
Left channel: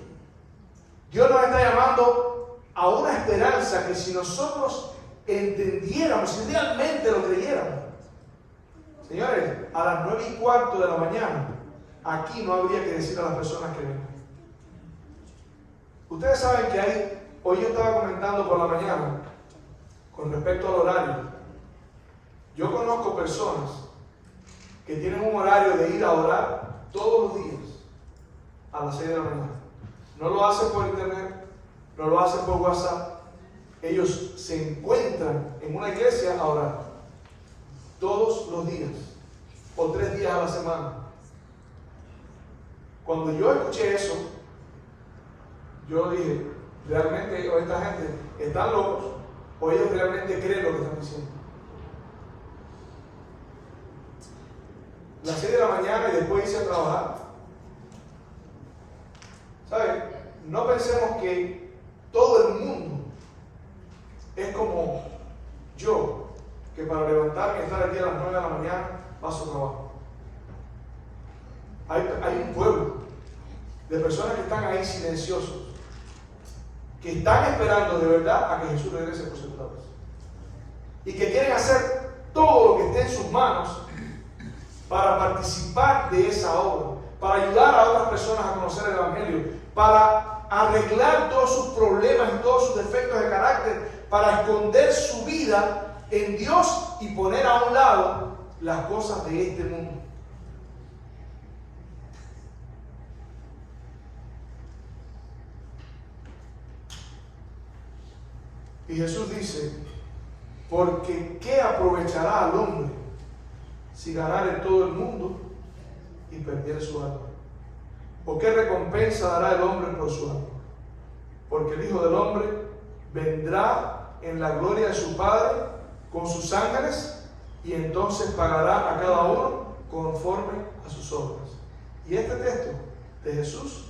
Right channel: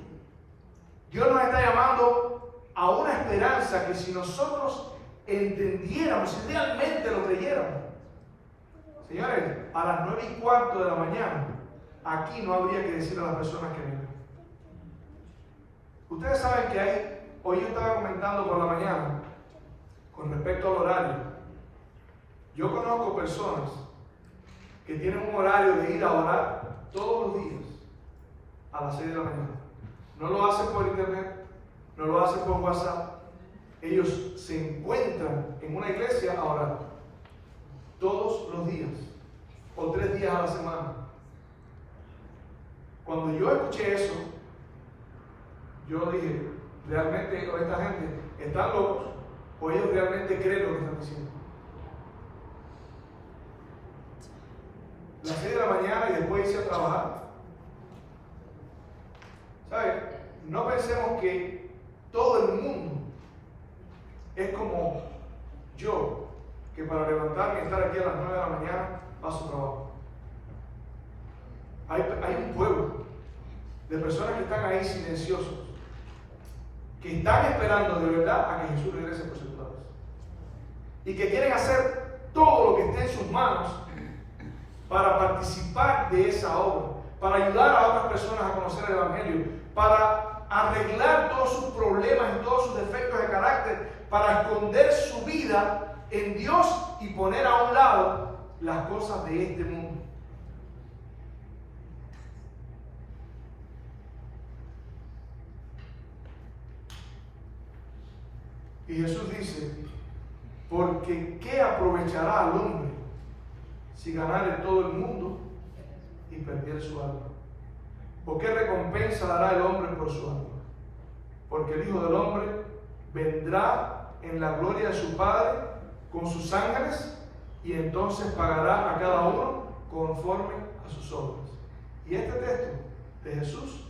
Dios nos está llamando a una esperanza que si nosotros entendiéramos, si realmente lo creyéramos, señores, a las 9:15 de la mañana, aquí no habría que decir a las personas que vengan. Ustedes saben que hoy yo estaba comentando por la mañana, con respecto al horario. Yo conozco personas que tienen un horario de ir a orar todos los días a las 6 de la mañana. No lo hacen por internet, no lo hacen por WhatsApp. Ellos se encuentran en una iglesia a orar todos los días o 3 días a la semana. Cuando yo escuché eso, yo dije, realmente esta gente están locos o ellos realmente creen lo que están diciendo. Las 6 de la mañana y después irse a trabajar. ¿Sabes? No pensemos que todo el mundo es como yo, que para levantarme y estar aquí a las 9 de la mañana paso trabajo. Hay un pueblo de personas que están ahí silenciosos, que están esperando de verdad a que Jesús regrese por segunda vez. Y que quieren hacer todo lo que esté en sus manos para participar de esa obra, para ayudar a otras personas a conocer el Evangelio, para arreglar todos sus problemas y todos sus defectos de carácter, para esconder su vida en Dios y poner a un lado las cosas de este mundo. Y Jesús dice, porque ¿qué aprovechará al hombre si ganare todo el mundo y perdiere su alma? ¿O qué recompensa dará el hombre por su alma? Porque el Hijo del Hombre vendrá en la gloria de su Padre con sus ángeles y entonces pagará a cada uno conforme a sus obras. Y este texto de Jesús,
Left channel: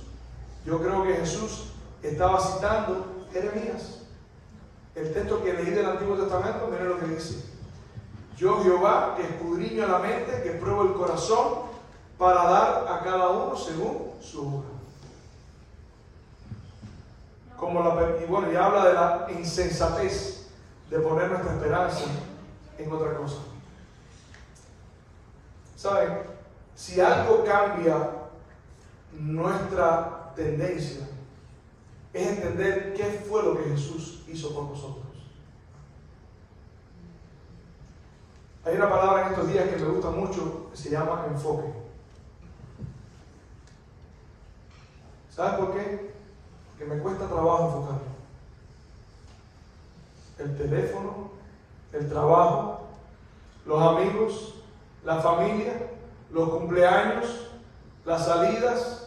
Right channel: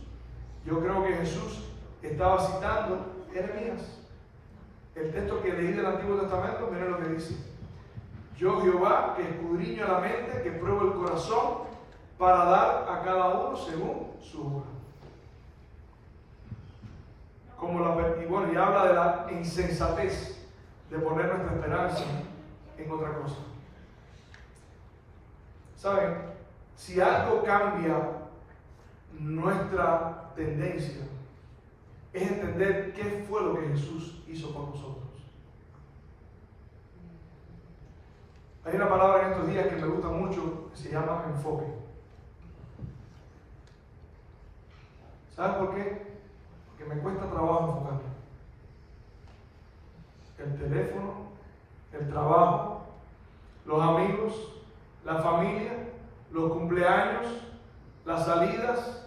yo creo que Jesús estaba citando Jeremías. El texto que leí del Antiguo Testamento, miren lo que dice. Yo, Jehová, que escudriño la mente, que pruebo el corazón, para dar a cada uno según su obra. Y bueno, y habla de la insensatez de poner nuestra esperanza en otra cosa. ¿Saben? Si algo cambia nuestra tendencia, es entender qué fue lo que Jesús hizo con nosotros. Hay una palabra en estos días que me gusta mucho, que se llama enfoque. ¿Sabes por qué? Porque me cuesta trabajo enfocarme. El teléfono, el trabajo, los amigos, la familia, los cumpleaños, las salidas,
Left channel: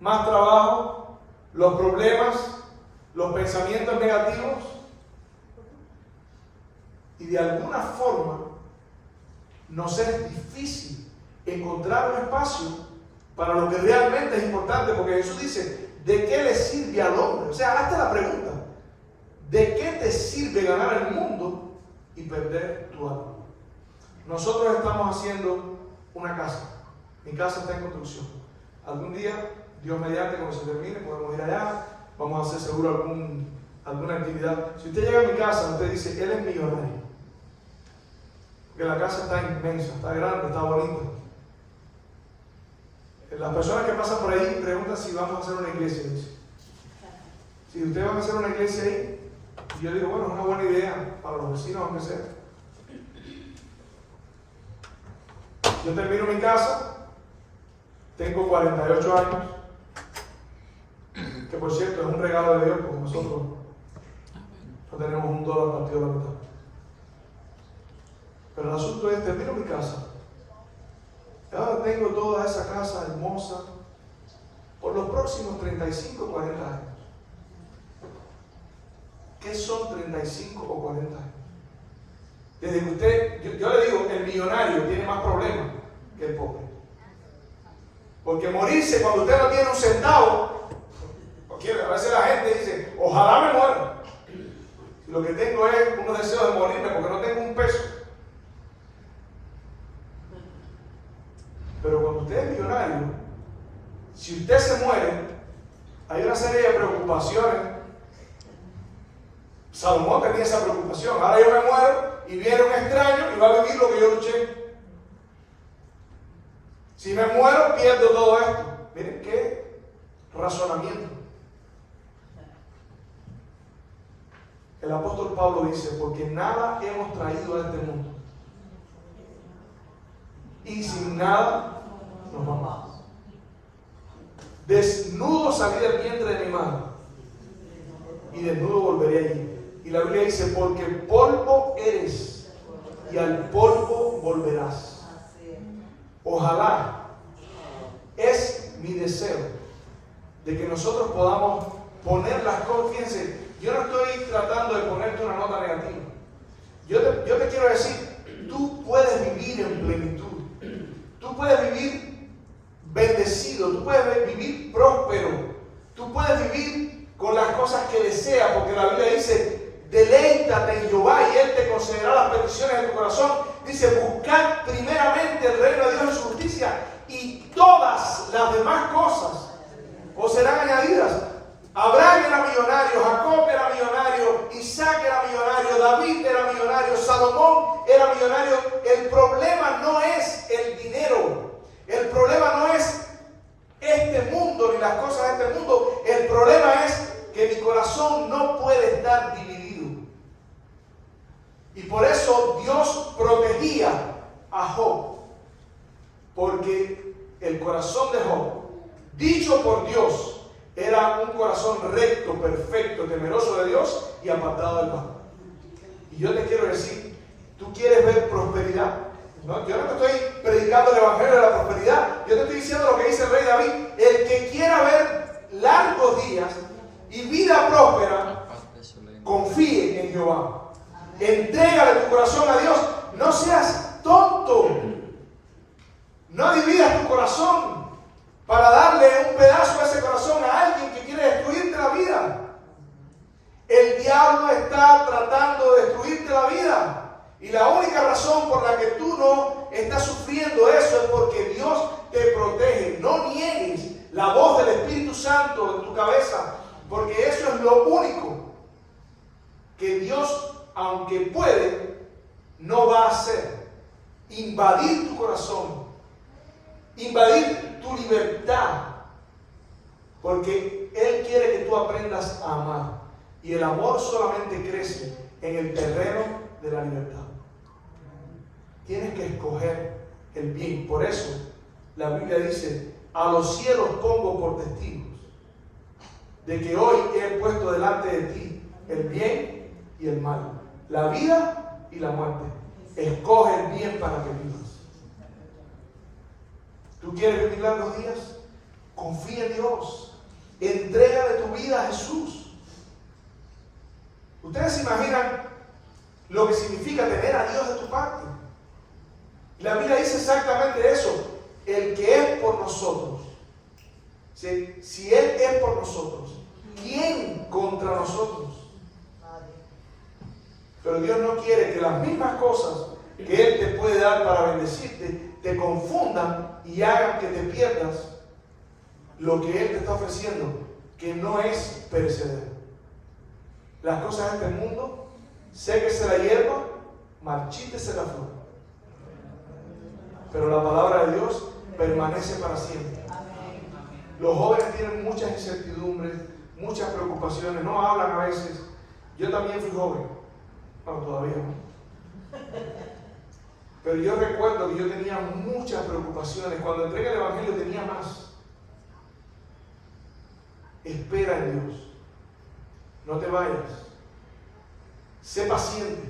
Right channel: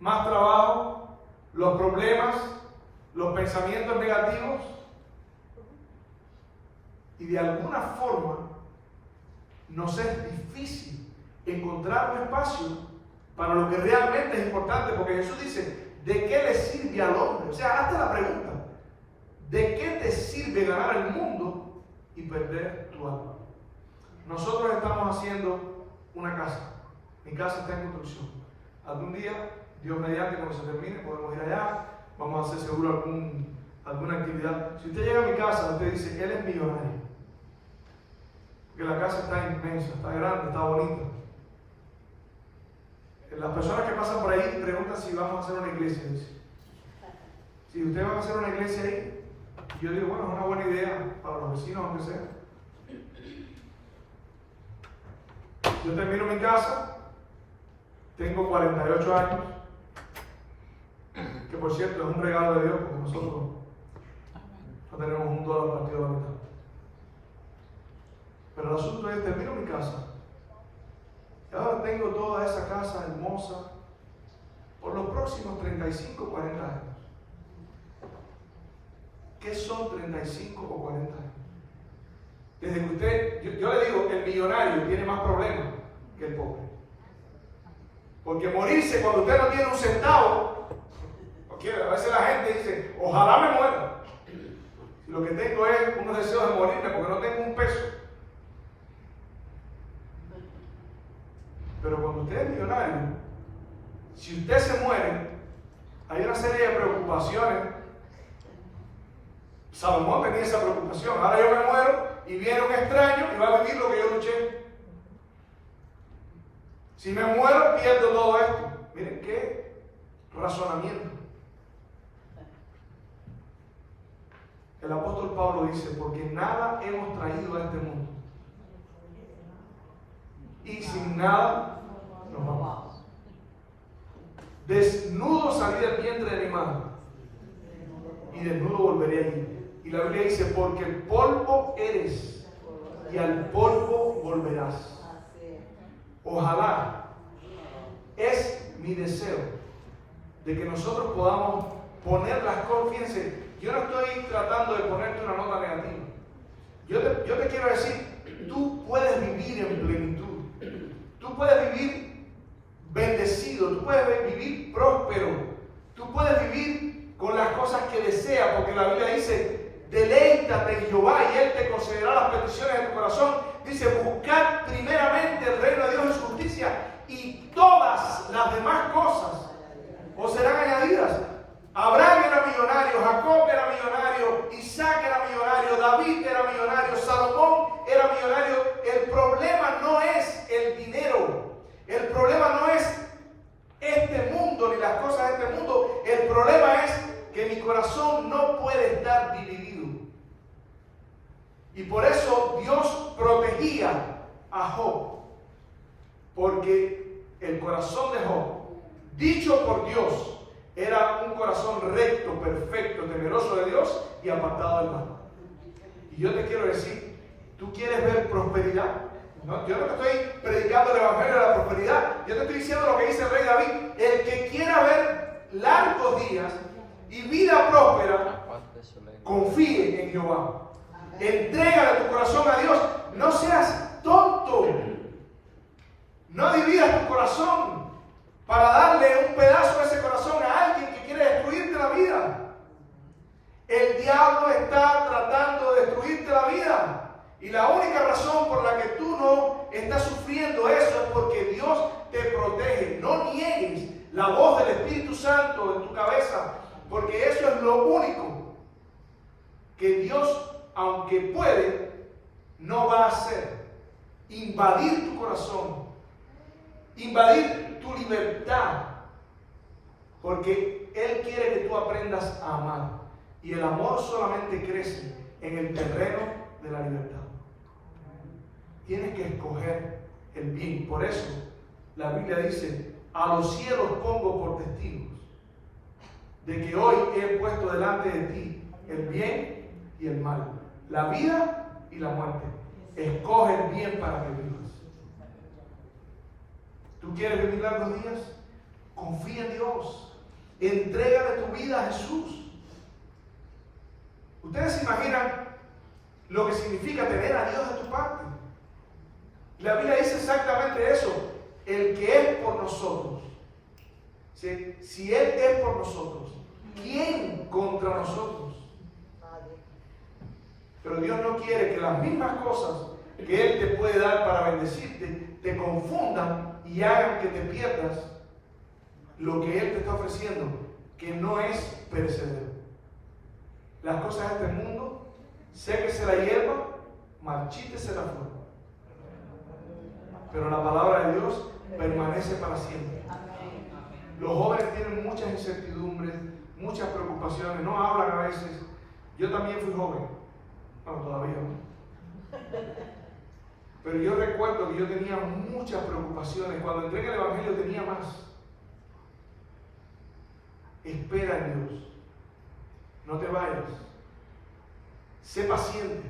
más trabajo, los problemas, los pensamientos negativos. Y de alguna forma nos es difícil encontrar un espacio para lo que realmente es importante, porque Jesús dice, ¿de qué le sirve al hombre? O sea, hazte la pregunta, ¿de qué te sirve ganar el mundo y perder tu alma? Nosotros estamos haciendo una casa. Mi casa está en construcción. Algún día, Dios mediante, cuando se termine, podemos ir allá, vamos a hacer seguro alguna actividad. Si usted llega a mi casa, usted dice, él es millonario. Que la casa está inmensa, está grande, está bonita. Las personas que pasan por ahí preguntan si vamos a hacer una iglesia. Dice. Si ustedes van a hacer una iglesia ahí, yo digo, bueno, es una buena idea para los vecinos, aunque sea. Yo termino mi casa, tengo 48 años, que por cierto es un regalo de Dios, porque nosotros no tenemos $1 partido de la mitad. Pero el asunto es, termino mi casa Y ahora tengo toda esa casa hermosa por los próximos 35 o 40 años. ¿Qué son 35 o 40 años? Desde que usted, yo le digo, el millonario tiene más problemas que el pobre. Porque morirse cuando usted no tiene un centavo, porque a veces la gente dice, ojalá me muera. Si lo que tengo es unos deseos de morirme porque no tengo un peso. Pero cuando usted es millonario, si usted se muere, hay una serie de preocupaciones. Salomón tenía esa preocupación. Ahora yo me muero y viene un extraño y va a vivir lo que yo luché. Si me muero, pierdo todo esto. Miren qué razonamiento. El apóstol Pablo dice, porque nada hemos traído a este mundo. Y sin nada nos vamos. Desnudo salí del vientre de mi madre. Y desnudo volveré allí. Y la Biblia dice, porque polvo eres y al polvo volverás. Ojalá, es mi deseo de que nosotros podamos poner las cosas. Fíjense, yo no estoy tratando de ponerte una nota negativa. Yo te quiero decir, tú puedes vivir en plenitud. Tú puedes vivir bendecido, tú puedes vivir próspero. Tú puedes vivir con las cosas que deseas, porque la Biblia dice, deleítate en Jehová y Él te concederá las peticiones de tu corazón. Dice, buscad primeramente el reino de Dios y su justicia y todas las demás cosas os serán añadidas. Abraham era millonario, Jacob era millonario, Isaac era millonario, David era millonario, Salomón era millonario. El problema no es el dinero, el problema no es este mundo ni las cosas de este mundo. El problema es que mi corazón no puede estar dividido. Y por eso Dios protegía a Job, porque el corazón de Job, dicho por Dios, era un corazón recto, perfecto, temeroso de Dios y apartado del mal. Y yo te quiero decir, ¿tú quieres ver prosperidad? No, yo no te estoy predicando el evangelio de la prosperidad, yo te estoy diciendo lo que dice el rey David. El que quiera ver largos días y vida próspera, confíe en Jehová. Entrégale tu corazón a Dios. No seas tonto. No dividas tu corazón para darle un pedazo de ese corazón a alguien que quiere destruirte la vida. El diablo está tratando de destruirte la vida. Y la única razón por la que tú no estás sufriendo eso es porque Dios te protege. No niegues la voz del Espíritu Santo en tu cabeza, porque eso es lo único que Dios, aunque puede, no va a hacer. Invadir tu corazón, invadir tu libertad, porque Él quiere que tú aprendas a amar. Y el amor solamente crece en el terreno de la libertad. Tienes que escoger el bien. Por eso la Biblia dice, a los cielos pongo por testigos de que hoy he puesto delante de ti el bien y el mal, la vida y la muerte. Escoge el bien para que vivas. ¿Tú quieres vivir largos días? Confía en Dios. Entrégale tu vida a Jesús. Ustedes se imaginan lo que significa tener a Dios de tu parte. La Biblia dice exactamente eso. El que es por nosotros. Si Él es por nosotros, ¿quién contra nosotros? Pero Dios no quiere que las mismas cosas que Él te puede dar para bendecirte te confundan y hagan que te pierdas lo que Él te está ofreciendo, que no es perecedero. Las cosas de este mundo, séquese la hierba, marchítese la flor. Pero la palabra de Dios permanece para siempre. Los jóvenes tienen muchas incertidumbres, muchas preocupaciones, no hablan a veces. Yo también fui joven, bueno, todavía no. Pero yo recuerdo que yo tenía muchas preocupaciones. Cuando entré en el Evangelio tenía más. Espera en Dios. No te vayas. Sé paciente.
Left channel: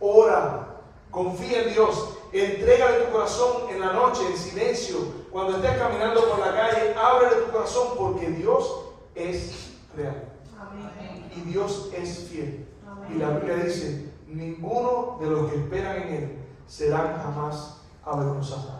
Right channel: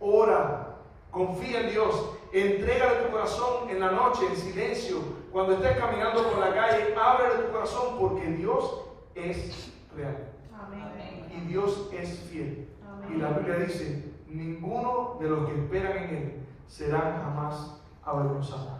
Ora. Confía en Dios. Entrégale tu corazón en la noche, en silencio. Cuando estés caminando por la calle, ábrele tu corazón porque Dios es real. Amén. Y Dios es fiel. Amén. Y la Biblia dice, ninguno de los que esperan en Él serán jamás avergonzados.